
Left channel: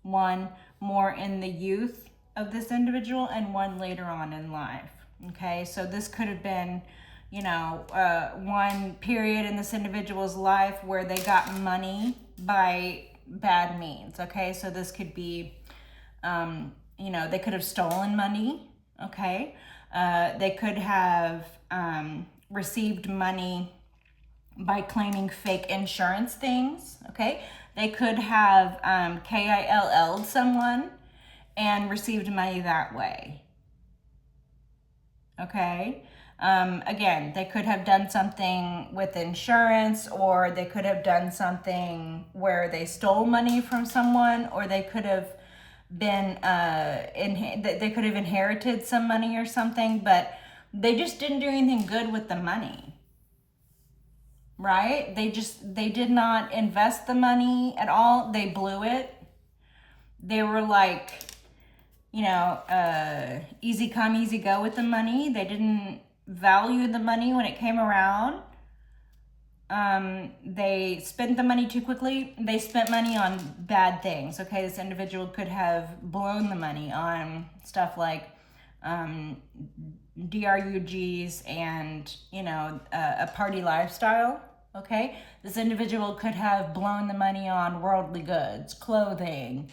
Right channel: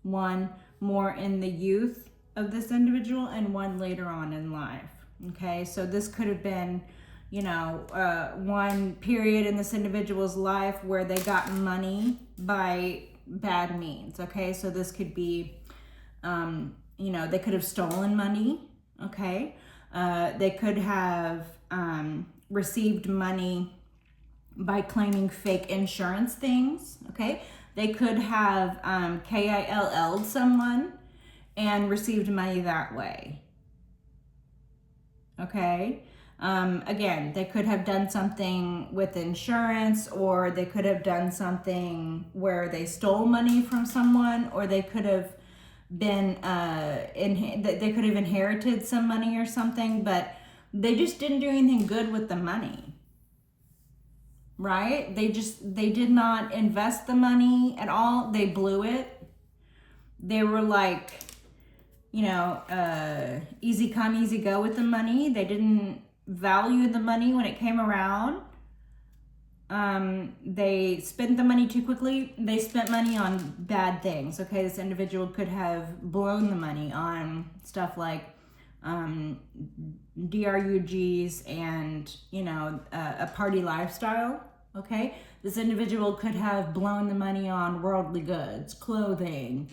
One more in the youth of this individual and one later on in life, okay? So this could have been, you know, one period in this individual's life where they got money by bad means, okay? So this could be, you know, they could have stolen money, okay? They could have received money by claiming fake insurance things, okay? They could have KILL'd someone and received money that way, okay? Again, they could have done something with insurance, or they could have done something where they stole money from someone, or they could have been, they could have inherited some money or something, but they just didn't do anything good with the money. Right? They did not invest the money at all. They blew it. They were like, you know, easy come, easy go with the money. They didn't value the money when it came around. They spent the money too quickly. They spent money on bad things. Okay, this individual could have blown the money on stuff like DRUGs and, you know, a party lifestyle. Okay, this individual could have blown the money on worldly goods, clothing,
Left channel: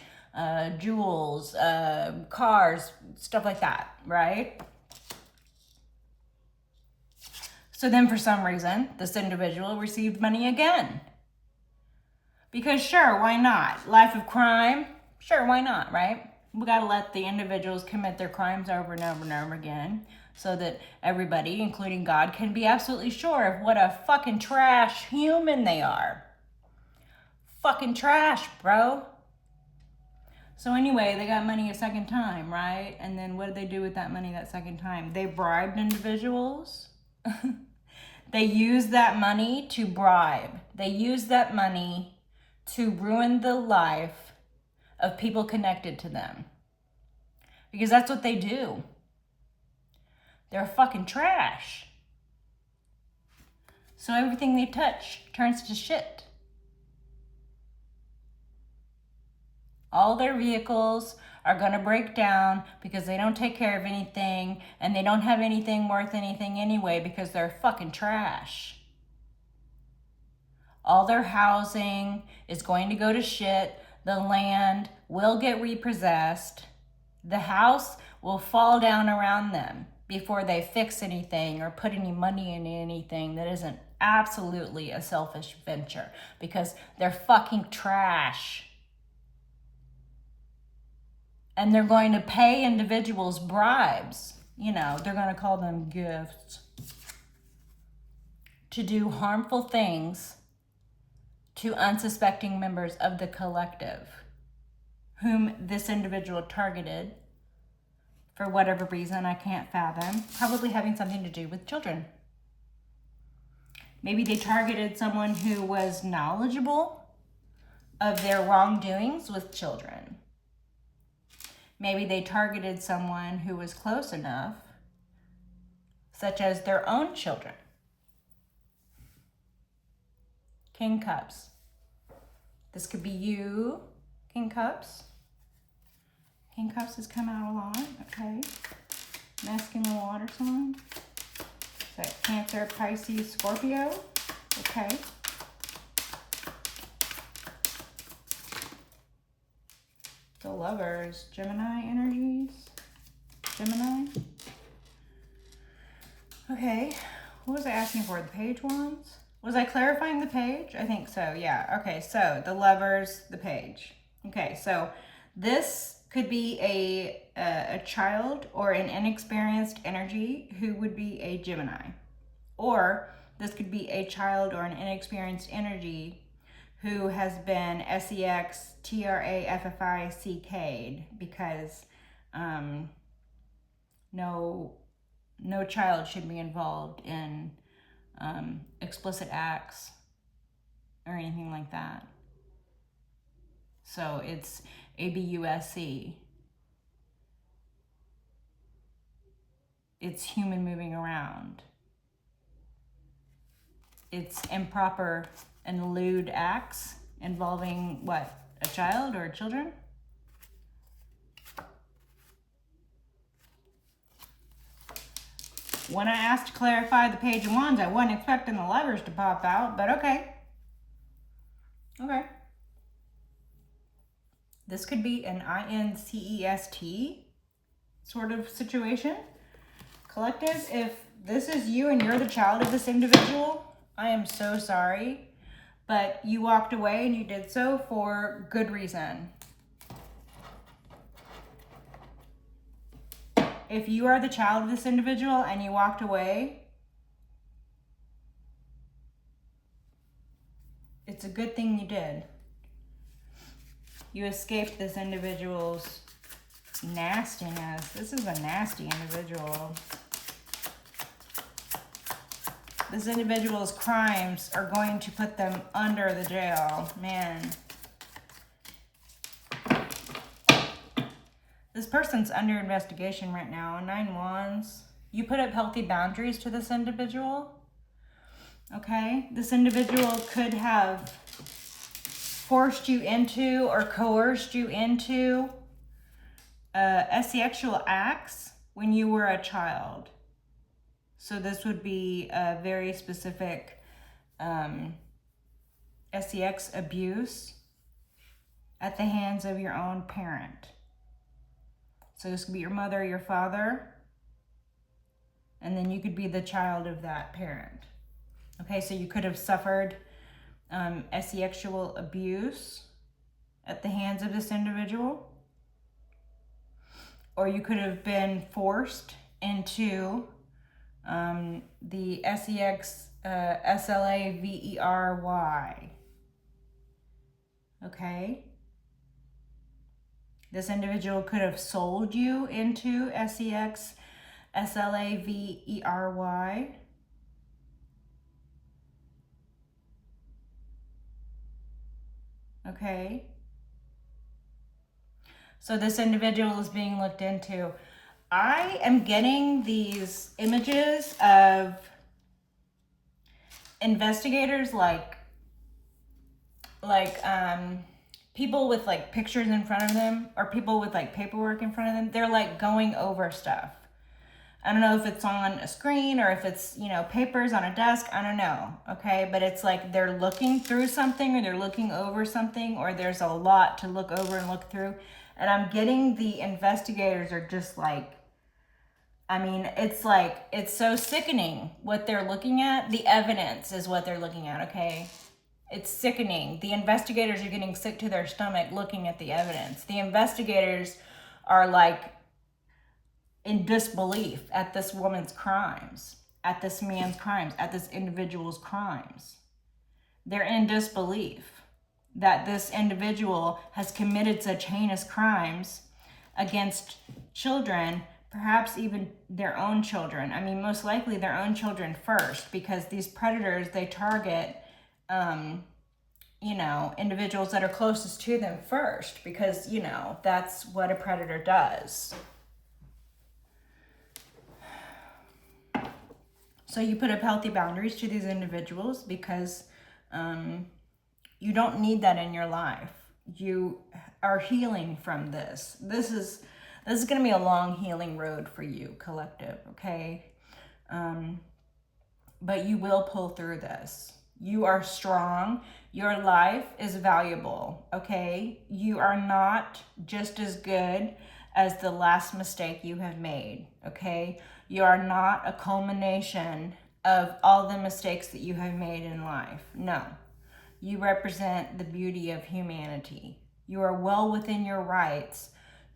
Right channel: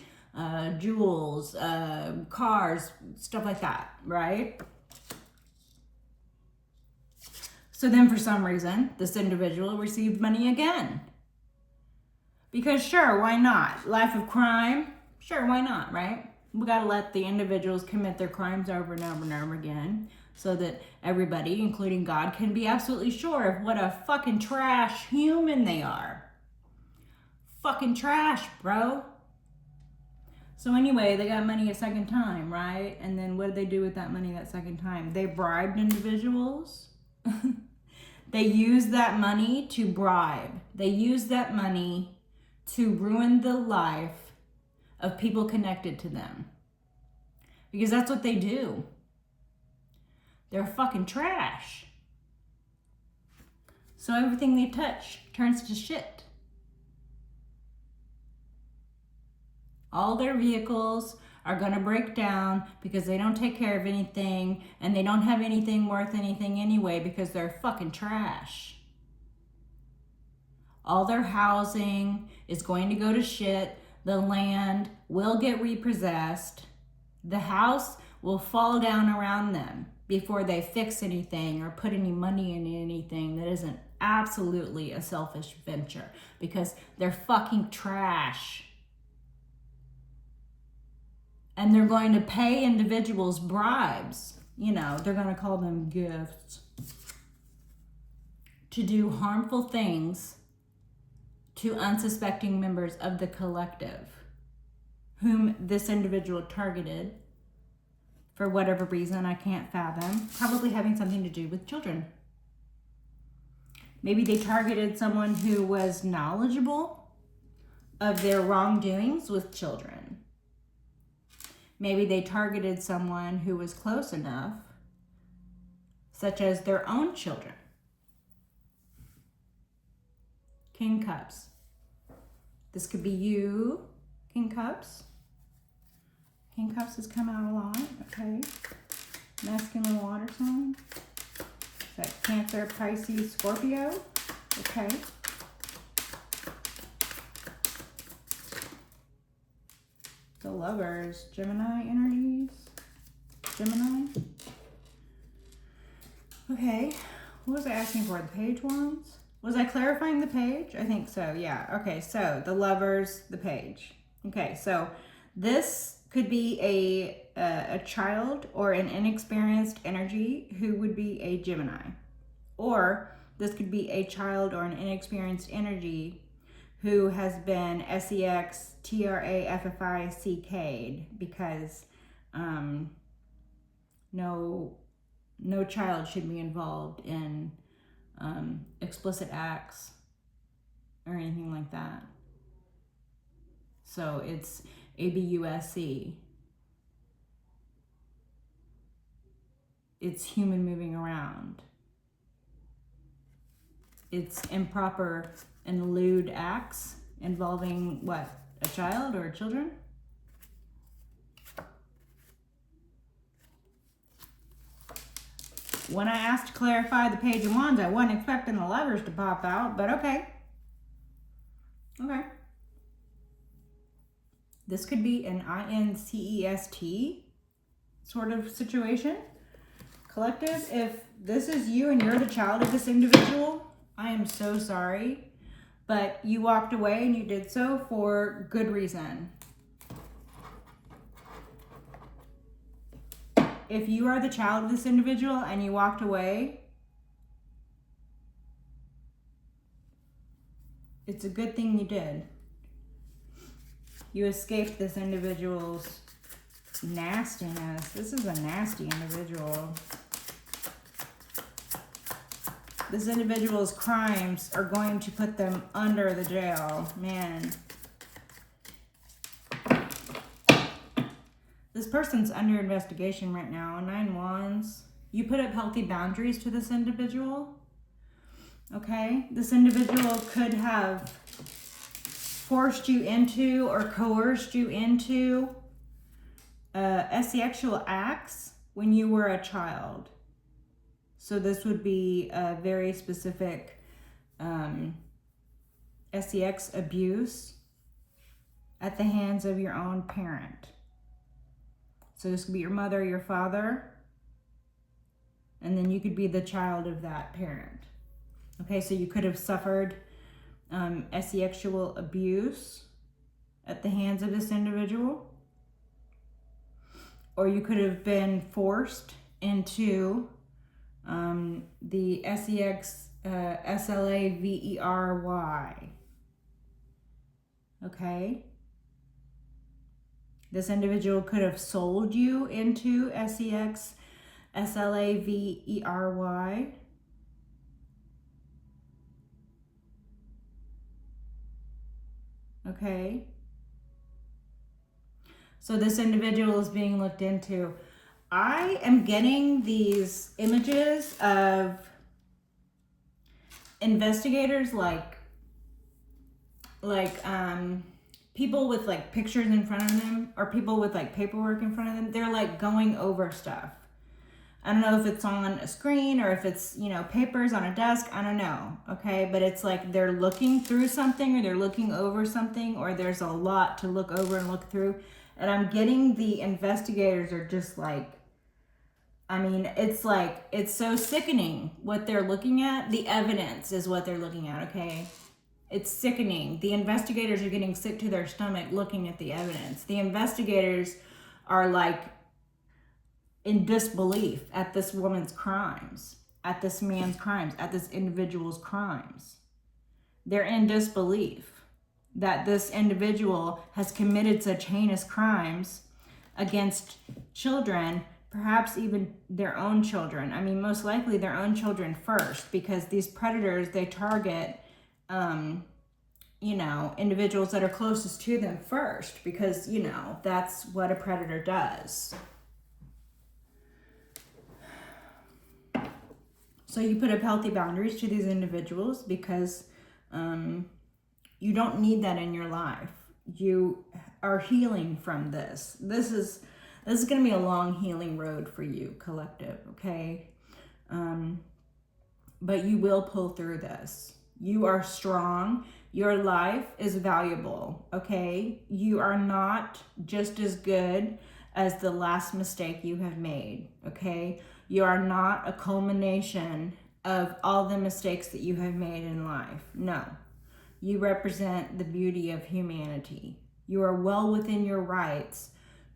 jewels, cars, stuff like that, right? So then for some reason, this individual received money again. Because sure, why not? Life of crime, sure, why not, right? We gotta let the individuals commit their crimes over and over and over again, so that everybody, including God, can be absolutely sure of what a fucking trash human they are. Fucking trash, bro. So anyway, they got money a second time, right? And then what did they do with that money that second time? They bribed individuals. They used that money to bribe. They used that money to ruin the life of people connected to them. Because that's what they do. They're fucking trash. So everything they touch turns to shit. All their vehicles are going to break down because they don't take care of anything, and they don't have anything worth anything anyway because they're fucking trash. All their housing is going to go to shit. The land will get repossessed. The house will fall down around them before they fix anything or put any money in anything that isn't absolutely a selfish venture, because they're fucking trash. And they're going to pay individuals bribes. You know, they're going to call them gifts, to do harmful things to unsuspecting members of the collective, whom this individual targeted for whatever reason I can't fathom, probably having something to do with children. Maybe they targeted someone who was knowledgeable of their wrongdoings with children. Maybe they targeted someone who was close enough, such as their own children. King Cups. This could be you, King Cups. King Cups has come out a lot, okay. Masculine water sign. Is that Cancer, Pisces, Scorpio? Okay. The Lovers, Gemini energies. Gemini. Okay. What was I asking for? The page ones? Was I clarifying the page? I think so, yeah. Okay, so the Lovers, the page. Okay, so this could be a child or an inexperienced energy who would be a Gemini. Or this could be a child or an inexperienced energy who has been SEXTRAFFICK'd, because no child should be involved in explicit acts or anything like that. So it's ABUSC. It's human moving around. It's improper and lewd acts involving what? A child or children? When I asked to clarify the Page of Wands, I wasn't expecting the Lovers to pop out, but okay. Okay. This could be an INCEST sort of situation. Collective, if this is you and you're the child of this individual, I am so sorry, but you walked away and you did so for good reason. If you are the child of this individual and you walked away, it's a good thing you did. You escaped this individual's nastiness. This is a nasty individual. This individual's crimes are going to put them under the jail. Man. This person's under investigation right now. 9 Wands. You put up healthy boundaries to this individual. Okay? This individual could have forced you into or coerced you into sexual acts when you were a child. So this would be a very specific sex abuse at the hands of your own parent. So this could be your mother, your father, and then you could be the child of that parent. Okay, so you could have suffered sexual abuse at the hands of this individual, or you could have been forced into the sex slavery. Okay, this individual could have sold you into sex slavery. Okay, so this individual is being looked into. I am getting these images of investigators like people with like pictures in front of them, or people with like paperwork in front of them. They're like going over stuff. I don't know if it's on a screen or if it's, you know, papers on a desk. I don't know. Okay. But it's like they're looking through something, or they're looking over something, or there's a lot to look over and look through. And I'm getting the investigators are just like, I mean, it's like, it's so sickening what they're looking at. The evidence is what they're looking at. Okay. It's sickening. The investigators are getting sick to their stomach looking at the evidence. The investigators are like in disbelief at this woman's crimes, at this man's crimes, at this individual's crimes. They're in disbelief that this individual has committed such heinous crimes against children, perhaps even their own children. I mean, most likely their own children first, because these predators, they target you know, individuals that are closest to them first, because, you know, that's what a predator does. So you put up healthy boundaries to these individuals because you don't need that in your life. You are healing from this. This is going to be a long healing road for you, collective, okay? But you will pull through this. You are strong. Your life is valuable, okay? You are not just as good as the last mistake you have made, okay? You are not a culmination of all the mistakes that you have made in life. No. You represent the beauty of humanity. You are well within your rights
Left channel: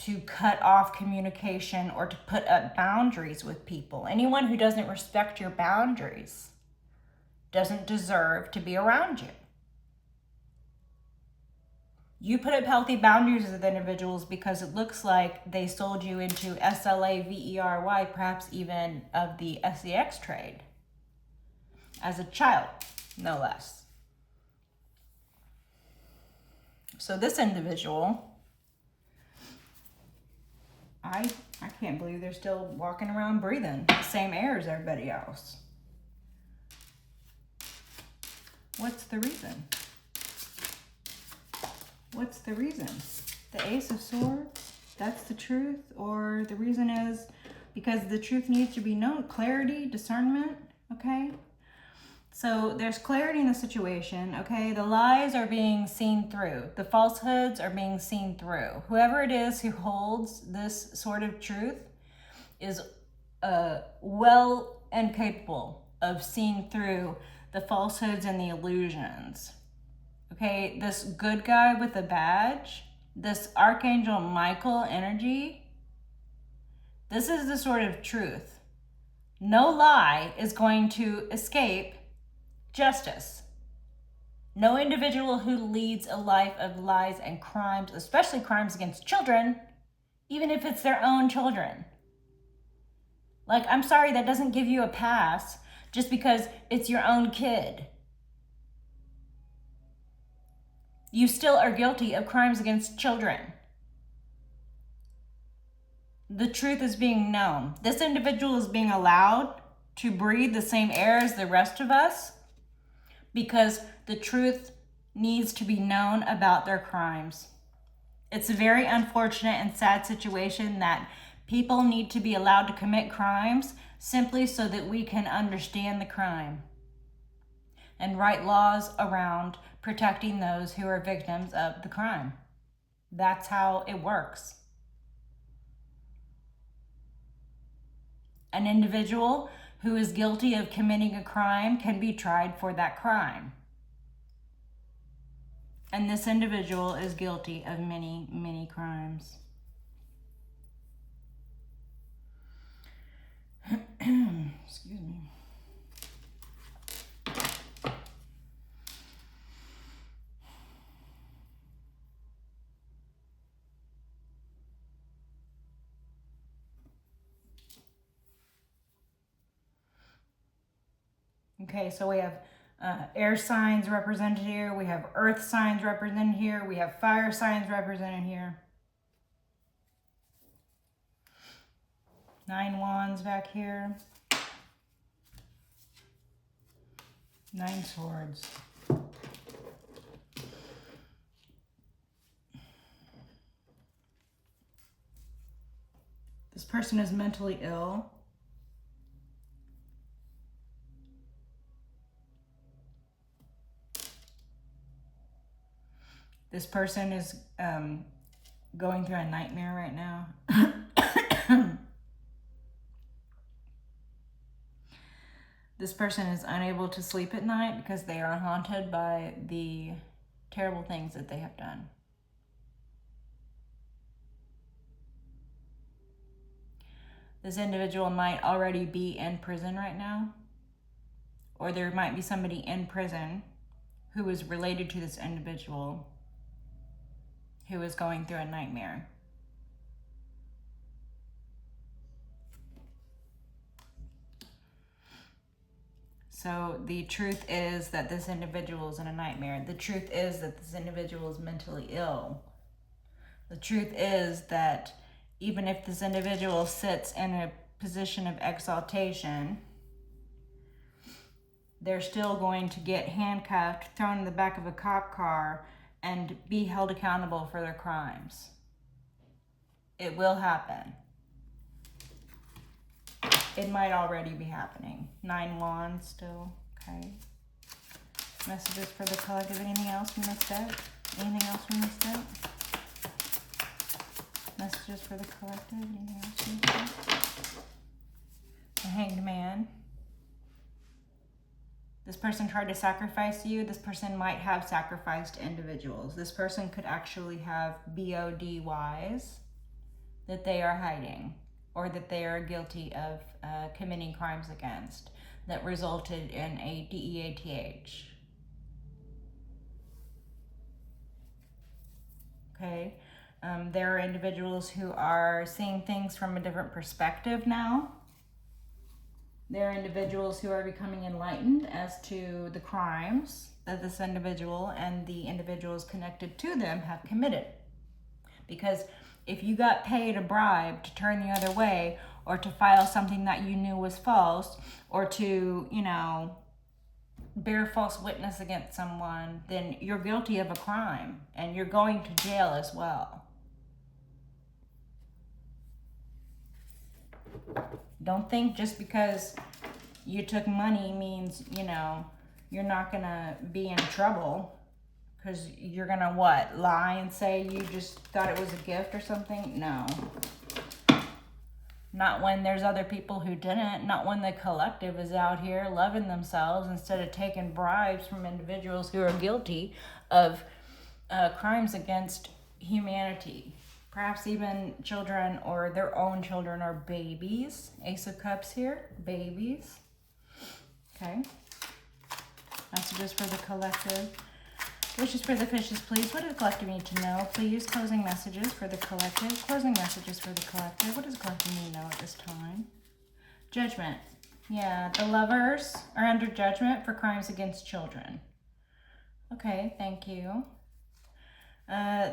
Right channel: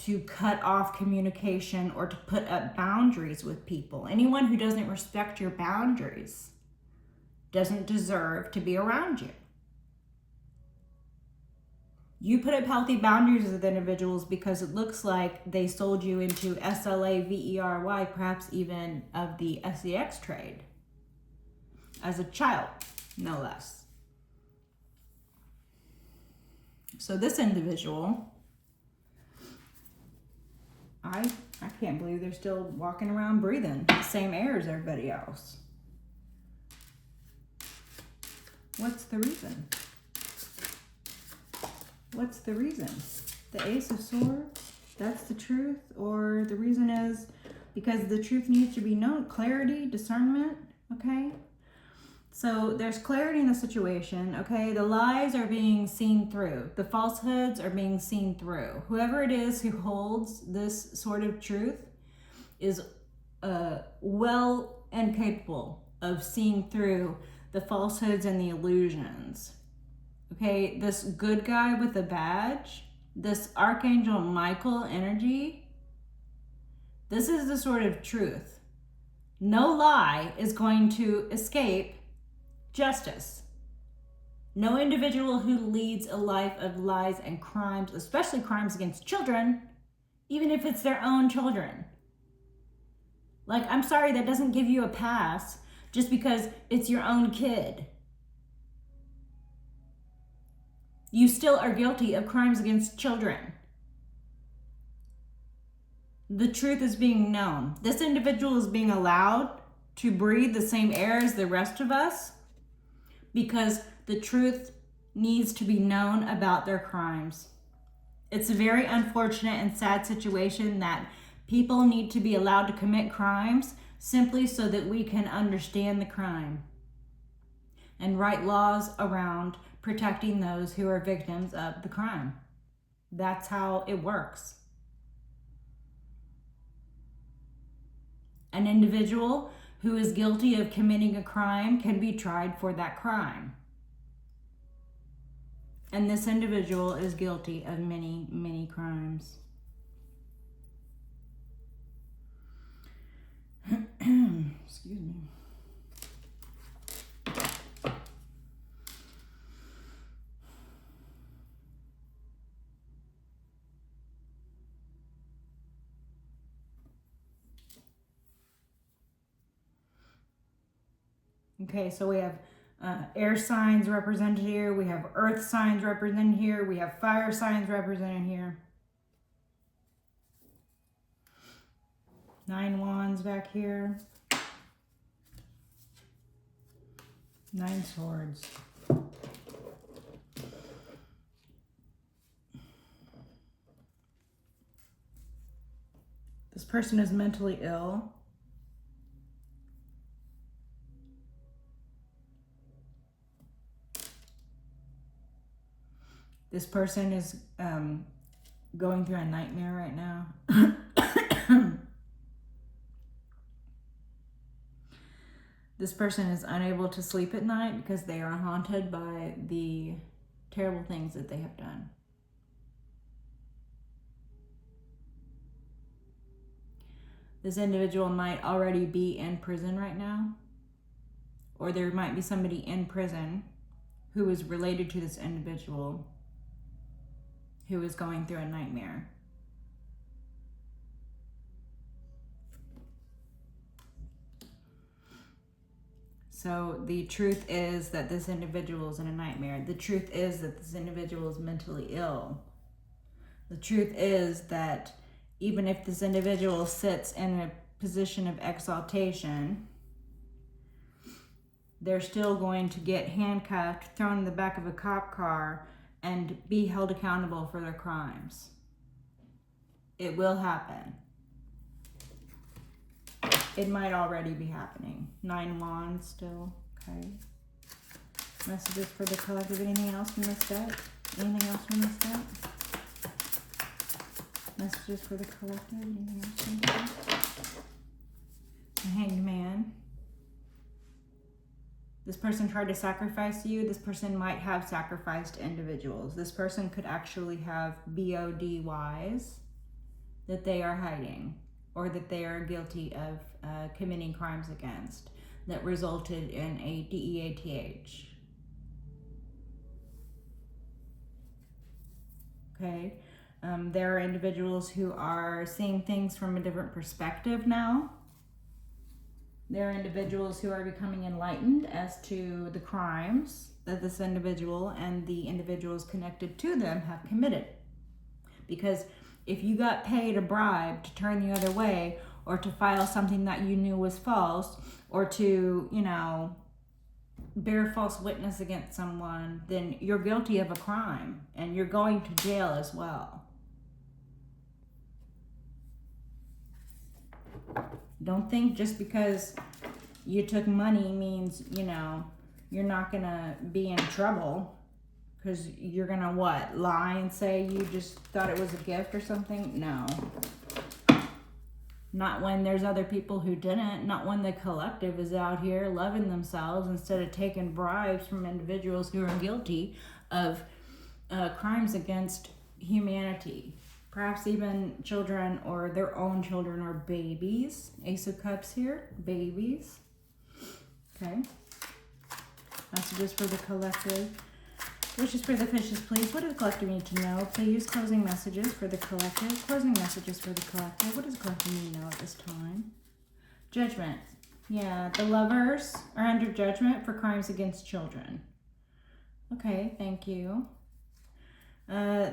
to cut off communication or to put up boundaries with people. Anyone who doesn't respect your boundaries doesn't deserve to be around you. You put up healthy boundaries with individuals because it looks like they sold you into slavery, perhaps even of the sex trade, as a child, no less. So this individual, I can't believe they're still walking around breathing the same air as everybody else. What's the reason? What's the reason? The Ace of Swords, that's the truth? Or the reason is because the truth needs to be known? Clarity, discernment, okay? So there's clarity in the situation, okay? The lies are being seen through. The falsehoods are being seen through. Whoever it is who holds this sort of truth is well and capable of seeing through the falsehoods and the illusions. Okay, this good guy with a badge, this Archangel Michael energy, this is the sort of truth. No lie is going to escape justice. No individual who leads a life of lies and crimes, especially crimes against children, even if it's their own children. Like, I'm sorry, that doesn't give you a pass just because it's your own kid. You still are guilty of crimes against children. The truth is being known. This individual is being allowed to breathe the same air as the rest of us because the truth needs to be known about their crimes. It's a very unfortunate and sad situation that people need to be allowed to commit crimes simply so that we can understand the crime and write laws around protecting those who are victims of the crime. That's how it works. An individual who is guilty of committing a crime can be tried for that crime. And this individual is guilty of many, many crimes. Excuse me. Okay, so we have air signs represented here. We have earth signs represented here. We have fire signs represented here. 9 wands back here. 9 swords. This person is mentally ill. This person is going through a nightmare right now. This person is unable to sleep at night because they are haunted by the terrible things that they have done. This individual might already be in prison right now, or there might be somebody in prison who is related to this individual who is going through a nightmare. So the truth is that this individual is in a nightmare. The truth is that this individual is mentally ill. The truth is that even if this individual sits in a position of exaltation, they're still going to get handcuffed, thrown in the back of a cop car, and be held accountable for their crimes. It will happen. It might already be happening. 9 wands still, okay. Messages for the collective. Anything else we missed out? Anything else we missed out? Messages for the collective. Anything else we missed out? The Hanged Man. This person tried to sacrifice you. This person might have sacrificed individuals. This person could actually have BODYs that they are hiding, or that they are guilty of committing crimes against that resulted in a DEATH. Okay, there are individuals who are seeing things from a different perspective now. There are individuals who are becoming enlightened as to the crimes that this individual and the individuals connected to them have committed. Because if you got paid a bribe to turn the other way, or to file something that you knew was false, or to, bear false witness against someone, then you're guilty of a crime and you're going to jail as well. Don't think just because you took money means, you're not gonna be in trouble, because you're gonna lie and say you just thought it was a gift or something? No. Not when there's other people who didn't. Not when the collective is out here loving themselves instead of taking bribes from individuals who are guilty of crimes against humanity. Perhaps even children or their own children or babies. Ace of Cups here, babies. Okay. Messages for the collective. Wishes for the fishes, please. What does the collective need to know? Please, closing messages for the collective. Closing messages for the collective. What does the collective need to know at this time? Judgment. Yeah, the lovers are under judgment for crimes against children. Okay, thank you.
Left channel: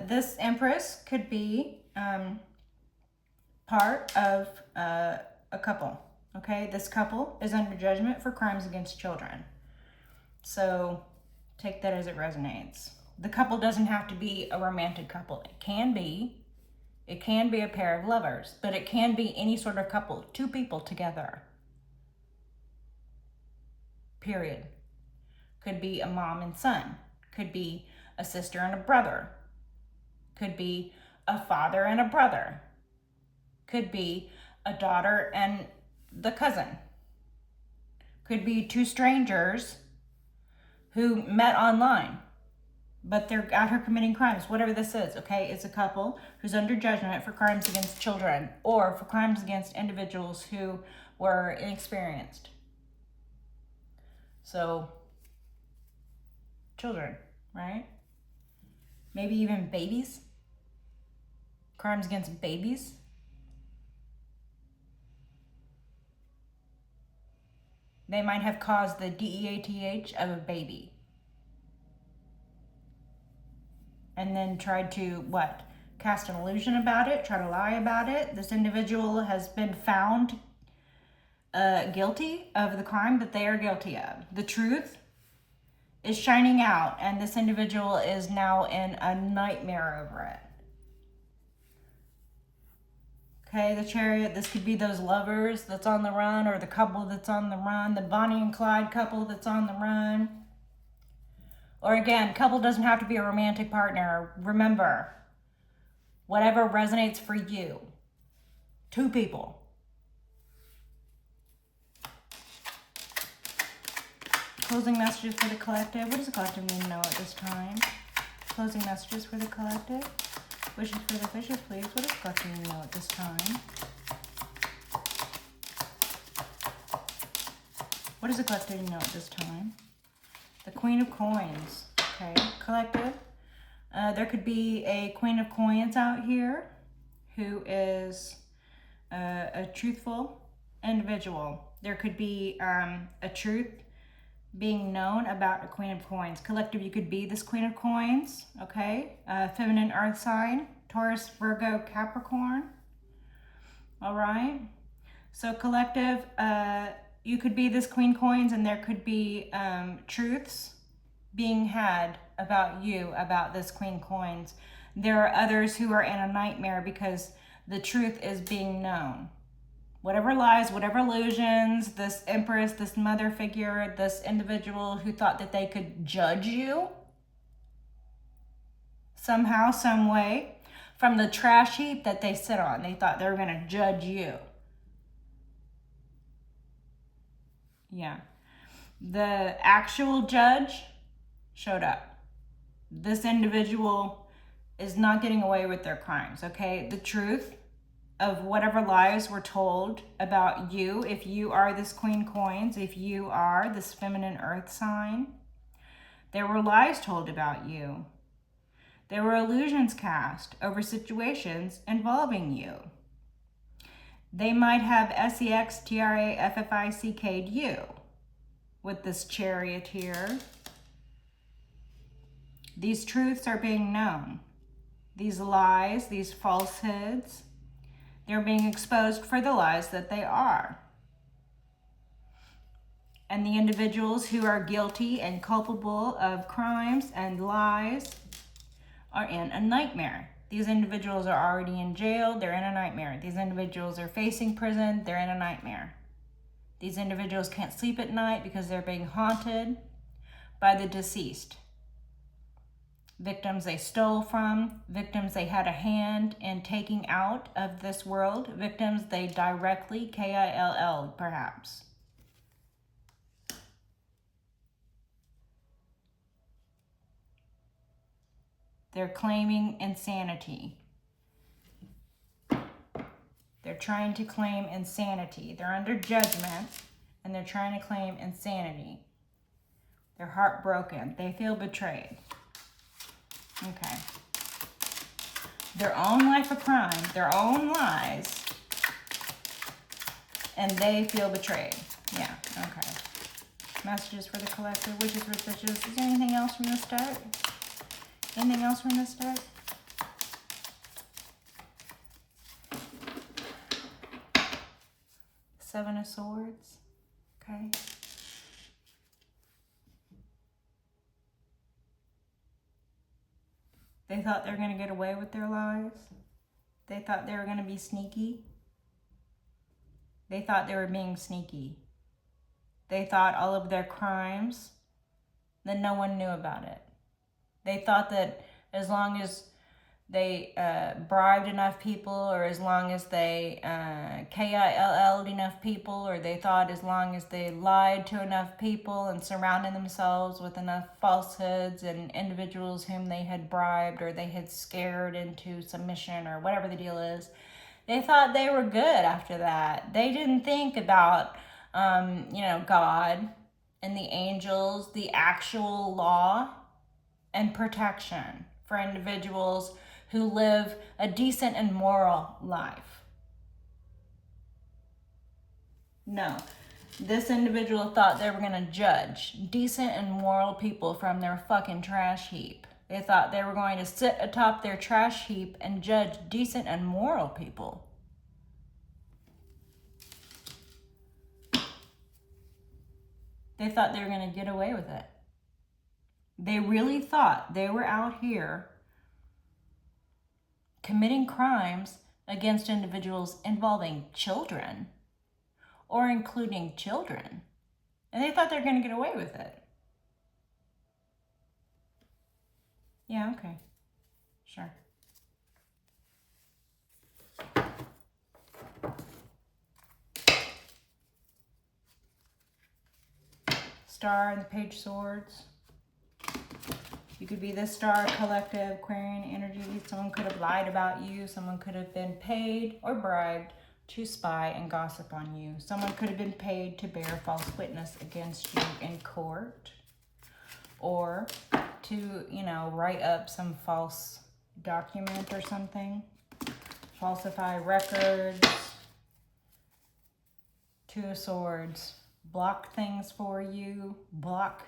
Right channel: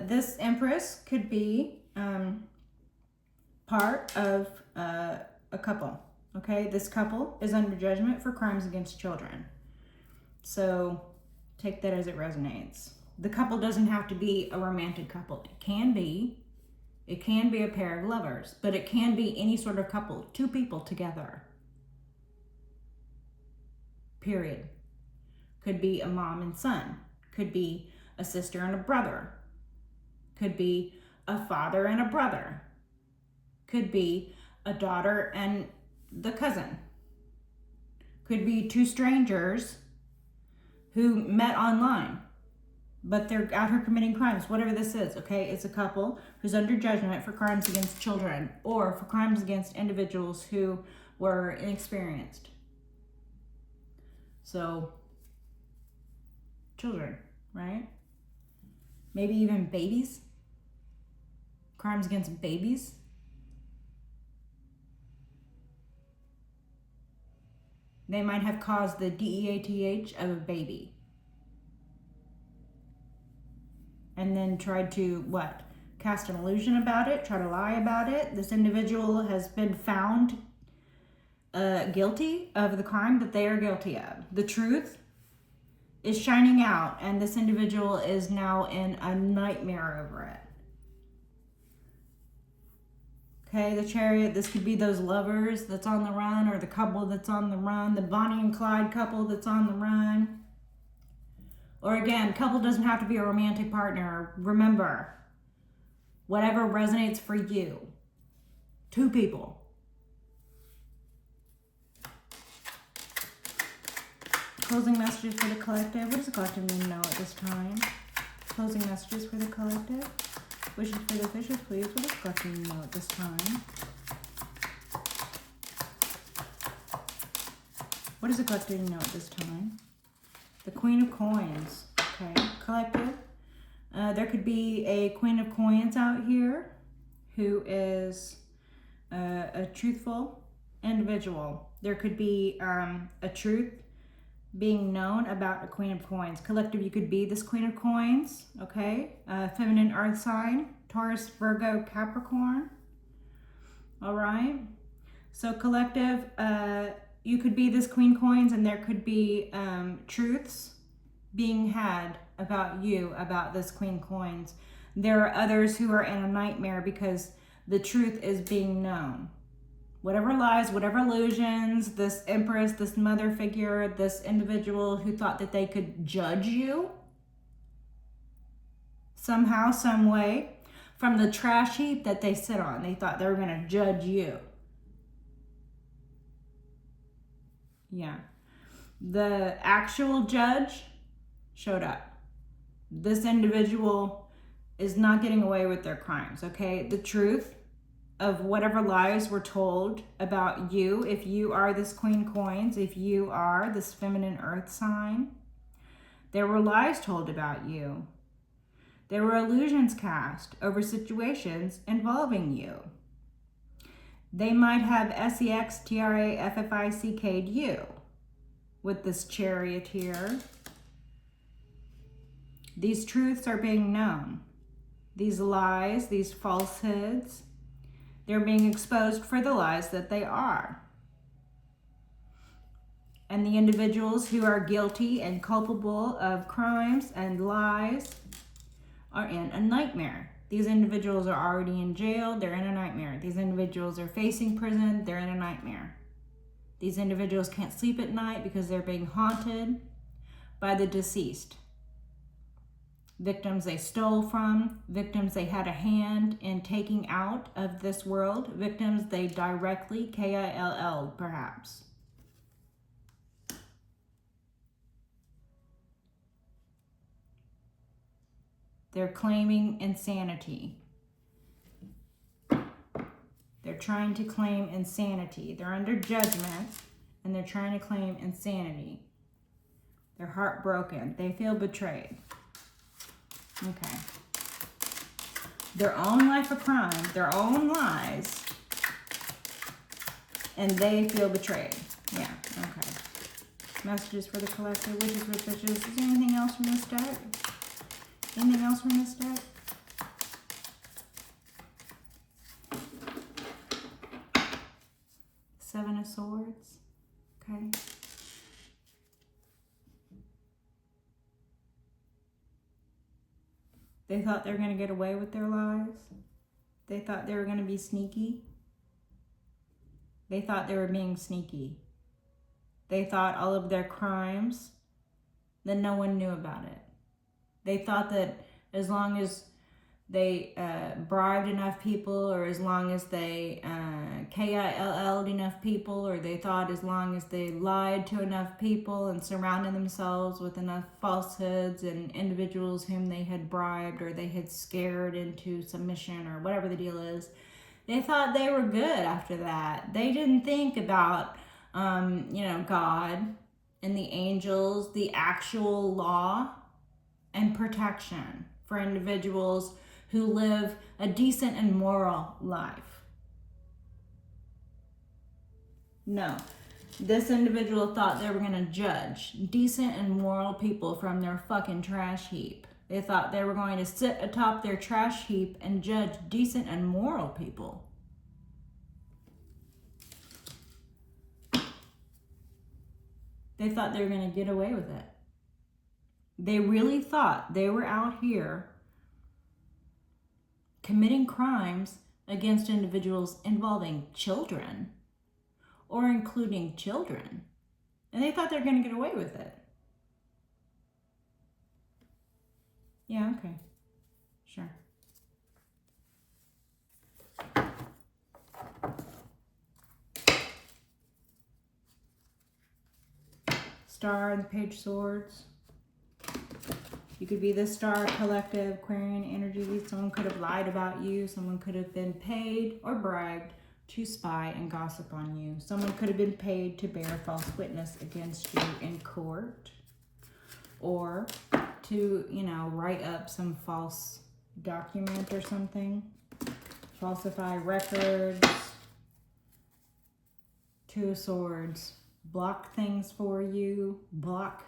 This Empress could be part of a couple. Okay, this couple is under judgment for crimes against children. So take that as it resonates. The couple doesn't have to be a romantic couple. It can be a pair of lovers, but it can be any sort of couple, two people together. Period. Could be a mom and son. Could be a sister and a brother. Could be a father and a brother. Could be a daughter and the cousin. Could be two strangers who met online, but they're out here committing crimes, whatever this is, okay? It's a couple who's under judgment for crimes against children or for crimes against individuals who were inexperienced. So, children, right? Maybe even babies. Crimes against babies. They might have caused the death of a baby. And then tried to, what? Cast an illusion about it, try to lie about it. This individual has been found guilty of the crime that they are guilty of. The truth is shining out, and this individual is now in a nightmare over it. Okay, the Chariot, this could be those lovers that's on the run, or the couple that's on the run, the Bonnie and Clyde couple that's on the run. Or again, couple doesn't have to be a romantic partner. Remember, whatever resonates for you. Two people. Closing messages for the collective. What does the collective need to know at this time? Closing messages for the collective. Wishes for the fishes, please. What does the collective need to know at this time? What does the collective need to know at this time? The Queen of Coins. Okay, collective. There could be a Queen of Coins out here who is a truthful individual. There could be a truth being known about a Queen of Coins. Collective, you could be this Queen of Coins, okay? Feminine earth sign, Taurus, Virgo, Capricorn. All right. So collective, you could be this Queen Coins, and there could be truths being had about you, about this Queen Coins. There are others who are in a nightmare because the truth is being known. Whatever lies, whatever illusions, this Empress, this mother figure, this individual who thought that they could judge you somehow, some way, from the trash heap that they sit on. They thought they were going to judge you. Yeah. The actual judge showed up. This individual is not getting away with their crimes, okay? The truth of whatever lies were told about you, if you are this Queen Coins, if you are this feminine earth sign, there were lies told about you. There were illusions cast over situations involving you. They might have SEXTRAFFICK'd you with this Chariot here. These truths are being known. These lies, these falsehoods, they're being exposed for the lies that they are. And the individuals who are guilty and culpable of crimes and lies are in a nightmare. These individuals are already in jail, they're in a nightmare. These individuals are facing prison, they're in a nightmare. These individuals can't sleep at night because they're being haunted by the deceased. victims they stole from, victims they had a hand in taking out of this world, victims they directly, K-I-L-L, perhaps. They're claiming insanity. They're trying to claim insanity. They're under judgment, and they're trying to claim insanity. They're heartbroken. They feel betrayed. Okay. Their own life of crime, their own lies, and they feel betrayed. Yeah, okay. Messages for the collective, witches, witches. Is there anything else from this deck? Anything else from this deck? Seven of Swords. Okay. They thought they were going to get away with their lies. They thought they were going to be sneaky. They thought they were being sneaky. They thought all of their crimes, that no one knew about it. They thought that as long as they bribed enough people, or as long as they KILL'd enough people, or they thought as long as they lied to enough people and surrounded themselves with enough falsehoods and individuals whom they had bribed or they had scared into submission or whatever the deal is, they thought they were good after that. They didn't think about, God and the angels, the actual law and protection for individuals who live a decent and moral life. No, this individual thought they were going to judge decent and moral people from their fucking trash heap. They thought they were going to sit atop their trash heap and judge decent and moral people. They thought they were going to get away with it. They really thought they were out here committing crimes against individuals involving children or including children. And they thought they were going to get away with it. Yeah, okay. Sure. Star and the Page of Swords. You could be the Star Collective, Aquarian energy. Someone could have lied about you. Someone could have been paid or bribed to spy and gossip on you. Someone could have been paid to bear false witness against you in court. Or to, write up some false document or something. Falsify records. Two of Swords. Block things for you. Block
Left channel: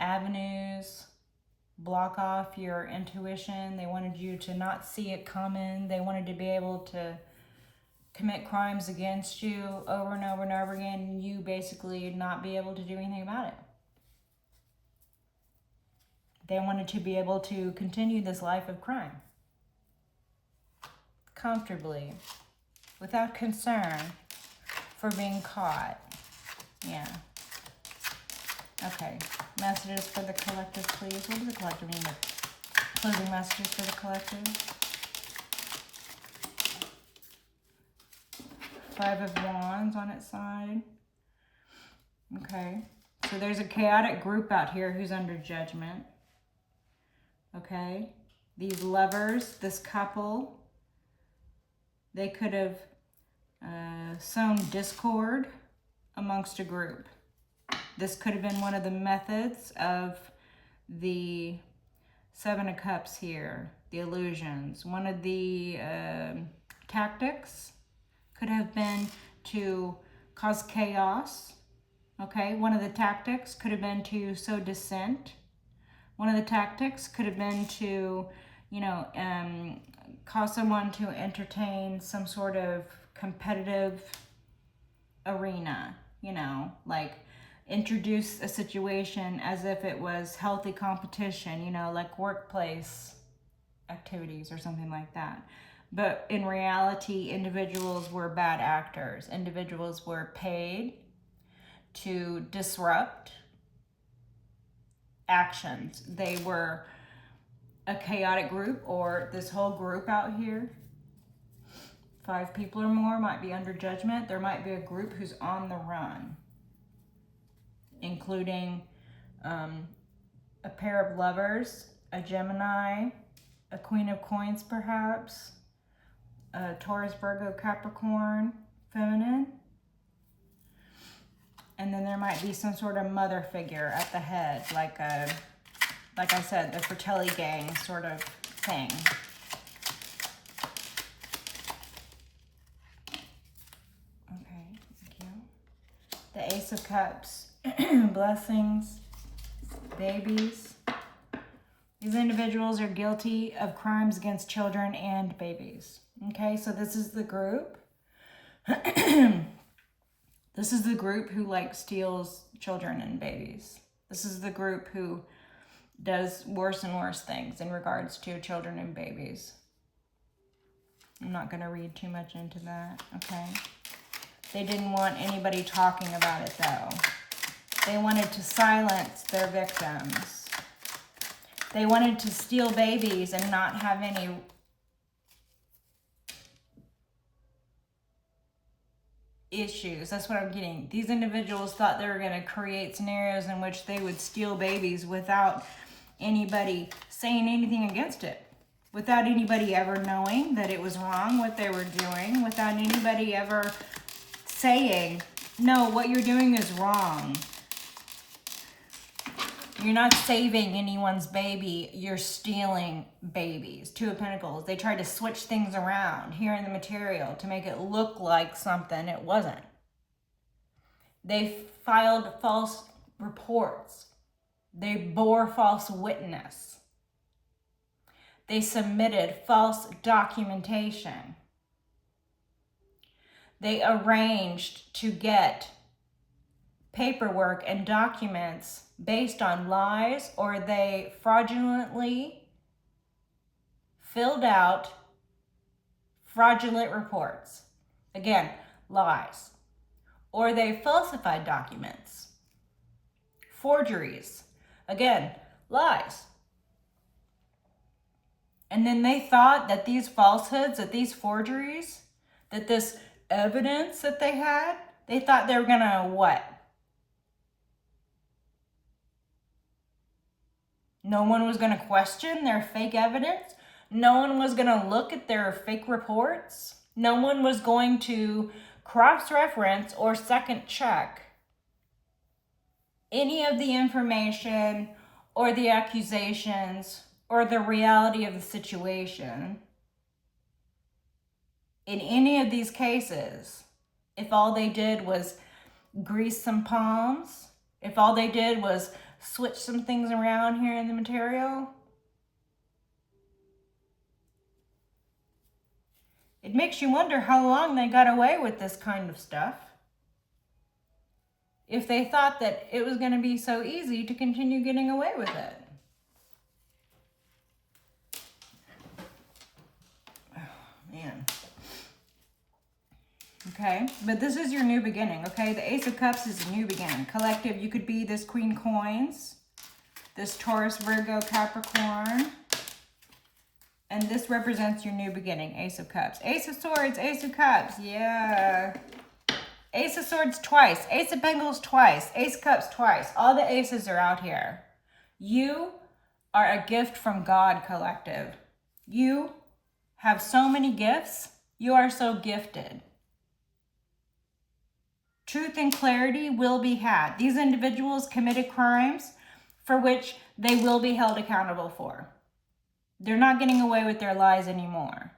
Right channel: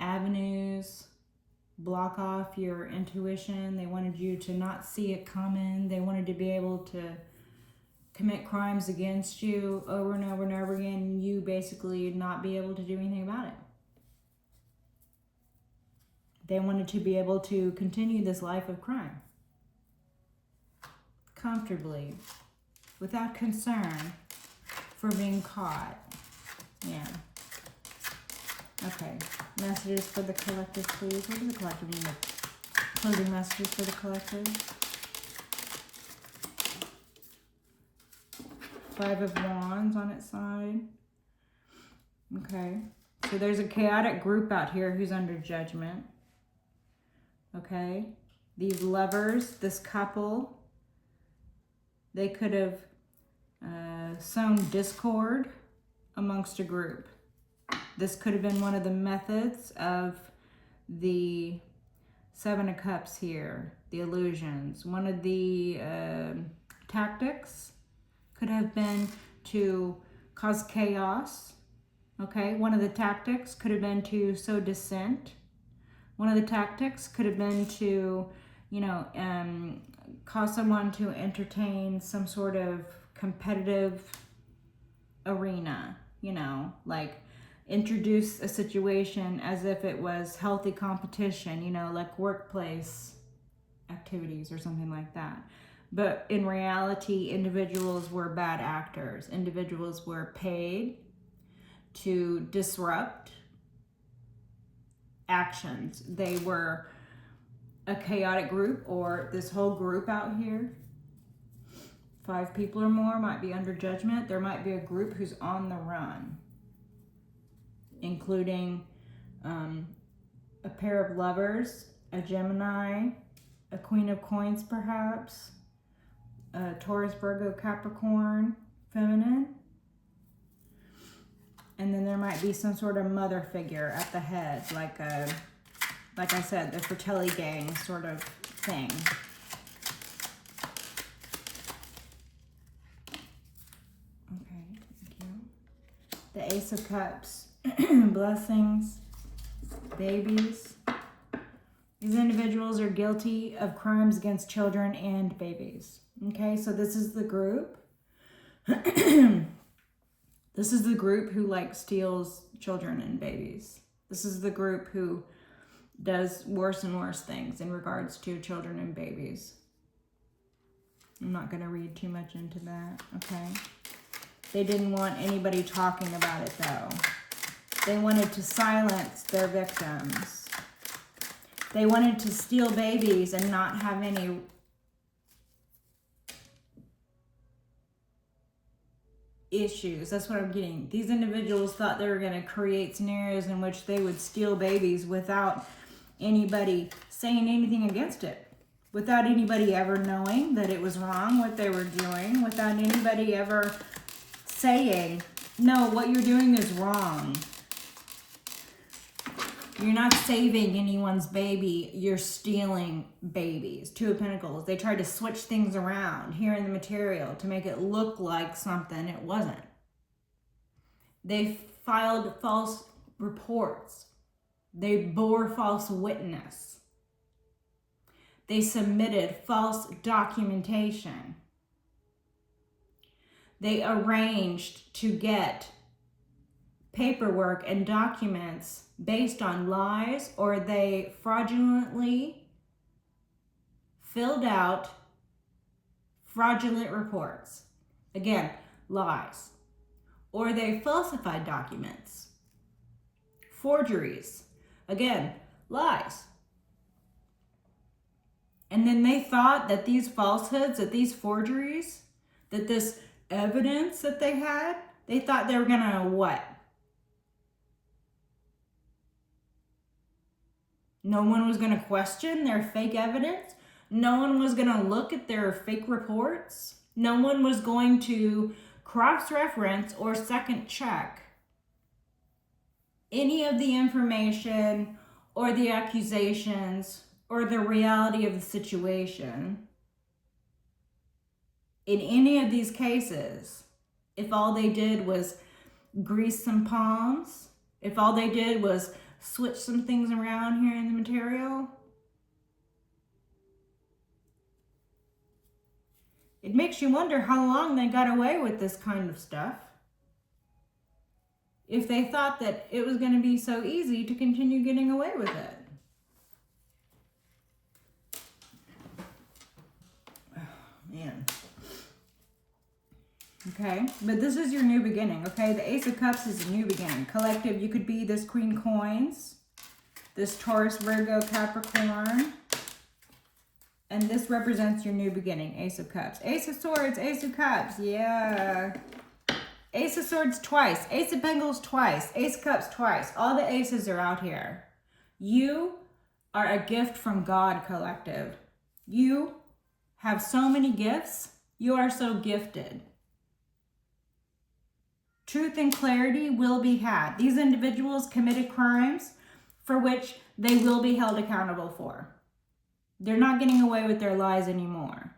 avenues, block off your intuition. They wanted you to not see it coming. They wanted to be able to commit crimes against you over and over and over again, and you basically not be able to do anything about it. They wanted to be able to continue this life of crime comfortably, without concern for being caught. Yeah. Okay, messages for the collective, please. What does the collective mean? Closing messages for the collective. Five of Wands on its side. Okay, so there's a chaotic group out here who's under judgment. Okay, these lovers, this couple, they could have sown discord amongst a group. This could have been one of the methods of the Seven of Cups here, the illusions. One of the tactics could have been to cause chaos. Okay, one of the tactics could have been to sow dissent. One of the tactics could have been to, cause someone to entertain some sort of competitive arena, like introduce a situation as if it was healthy competition, like workplace activities or something like that. But in reality, individuals were bad actors. Individuals were paid to disrupt actions. They were a chaotic group, or this whole group out here, 5 people or more, might be under judgment. There might be a group who's on the run, including a pair of lovers, a Gemini, a Queen of Coins perhaps, a Taurus, Virgo, Capricorn, feminine. And then there might be some sort of mother figure at the head, like I said, the Fratelli gang sort of thing. Okay, thank you. The Ace of Cups, blessings, babies. These individuals are guilty of crimes against children and babies. Okay, so this is the group. This is the group who like steals children and babies. This is the group who does worse and worse things in regards to children and babies. I'm not going to read too much into that, okay? They didn't want anybody talking about it though. They wanted to silence their victims. They wanted to steal babies and not have any issues. That's what I'm getting. These individuals thought they were going to create scenarios in which they would steal babies without anybody saying anything against it, without anybody ever knowing that it was wrong what they were doing, without anybody ever saying, no, what you're doing is wrong. You're not saving anyone's baby, you're stealing babies. 2 of Pentacles. They tried to switch things around here in the material to make it look like something it wasn't. They filed false reports. They bore false witness. They submitted false documentation. They arranged to get paperwork and documents based on lies, or they fraudulently filled out fraudulent reports. Again, lies. Or they falsified documents. Forgeries. Again, lies. And then they thought that these falsehoods, that these forgeries, that this evidence that they had, they thought they were gonna what? No one was going to question their fake evidence. No one was going to look at their fake reports. No one was going to cross-reference or second check any of the information or the accusations or the reality of the situation. In any of these cases, if all they did was grease some palms, if all they did was switch some things around here in the material, it makes you wonder how long they got away with this kind of stuff. If they thought that it was going to be so easy to continue getting away with it. Oh, man. Okay, but this is your new beginning, okay? The Ace of Cups is a new beginning. Collective, you could be this Queen Coins, this Taurus, Virgo, Capricorn, and this represents your new beginning, Ace of Cups. Ace of Swords, Ace of Cups, yeah. Ace of Swords twice, Ace of Pentacles twice, Ace of Cups twice. All the aces are out here. You are a gift from God, collective. You have so many gifts. You are so gifted. Truth and clarity will be had. These individuals committed crimes for which they will be held accountable for. They're not getting away with their lies anymore.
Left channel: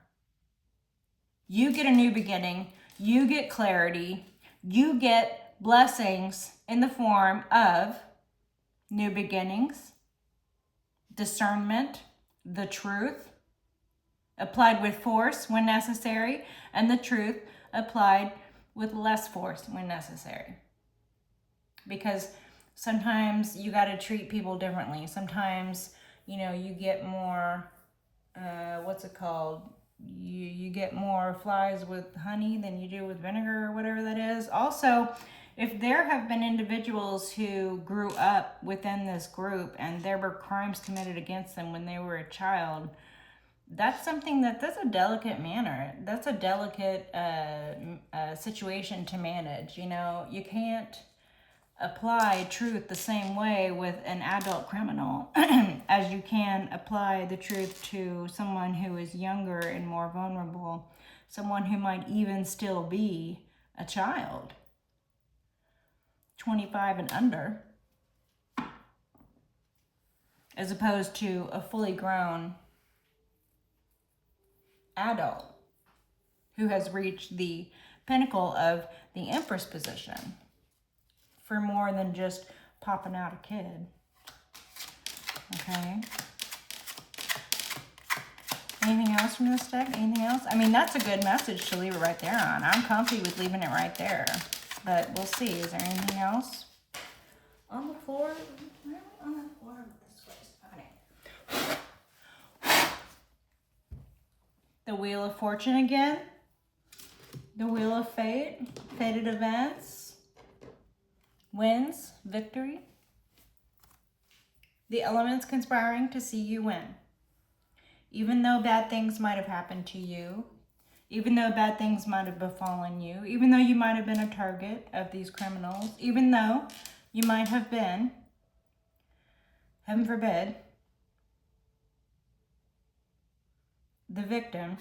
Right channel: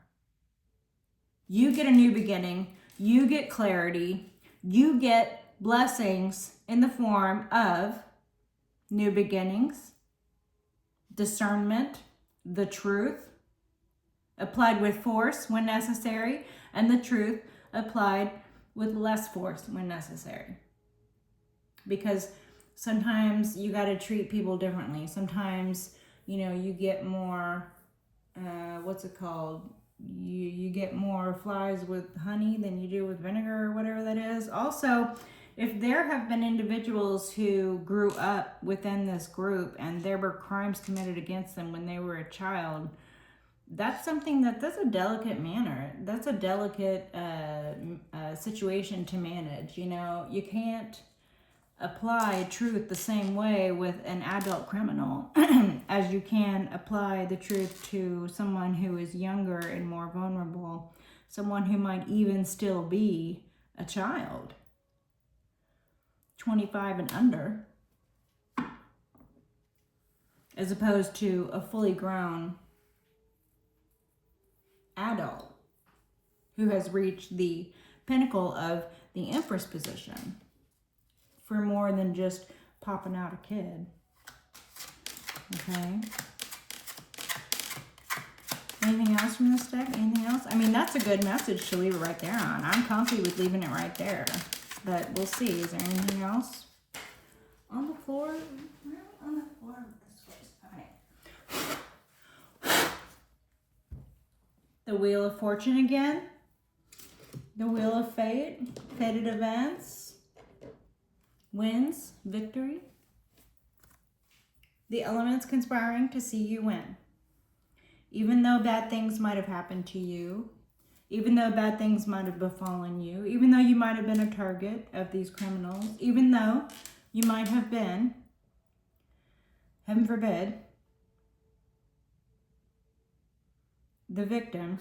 You get a new beginning. You get clarity. You get blessings in the form of new beginnings, discernment, the truth applied with force when necessary, and the truth applied with less force when necessary. Because sometimes you got to treat people differently. Sometimes, you know, you get more, what's it called? You get more flies with honey than you do with vinegar or whatever that is. Also, if there have been individuals who grew up within this group and there were crimes committed against them when they were a child, that's something that's a delicate manner. That's a delicate situation to manage. You know, you can't apply truth the same way with an adult criminal as you can apply the truth to someone who is younger and more vulnerable, someone who might even still be a child, 25 and under, as opposed to a fully grown adult who has reached the pinnacle of the Empress position for more than just popping out a kid. Okay. Anything else from this deck? Anything else? I mean, that's a good message to leave it right there on. I'm comfy with leaving it right there. But we'll see. Is there anything else? On the floor? On the floor this way. Okay. The Wheel of Fortune again. The Wheel of Fate. Fated events. Wins. Victory. The elements conspiring to see you win. Even though bad things might have happened to you, even though bad things might have befallen you, even though you might have been a target of these criminals, even though you might have been, heaven forbid, the victim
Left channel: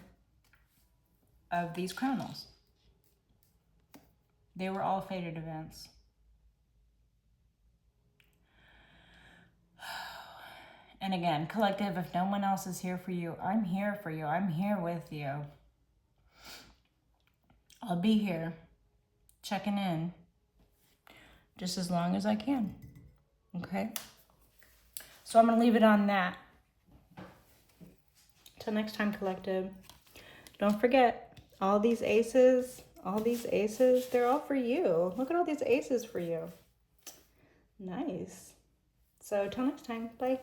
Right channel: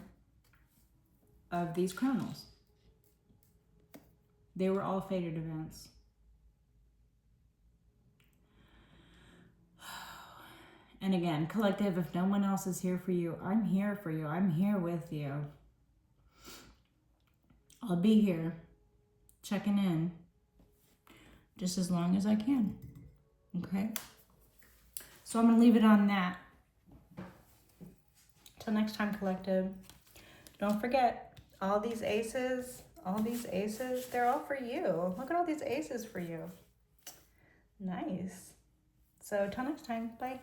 of these criminals. They were all fated events. And again, collective, if no one else is here for you, I'm here for you. I'm here with you. I'll be here checking in just as long as I can. Okay? So I'm going to leave it on that. Till next time, collective. Don't forget, all these aces, they're all for you. Look at all these aces for you. Nice. So till next time. Bye.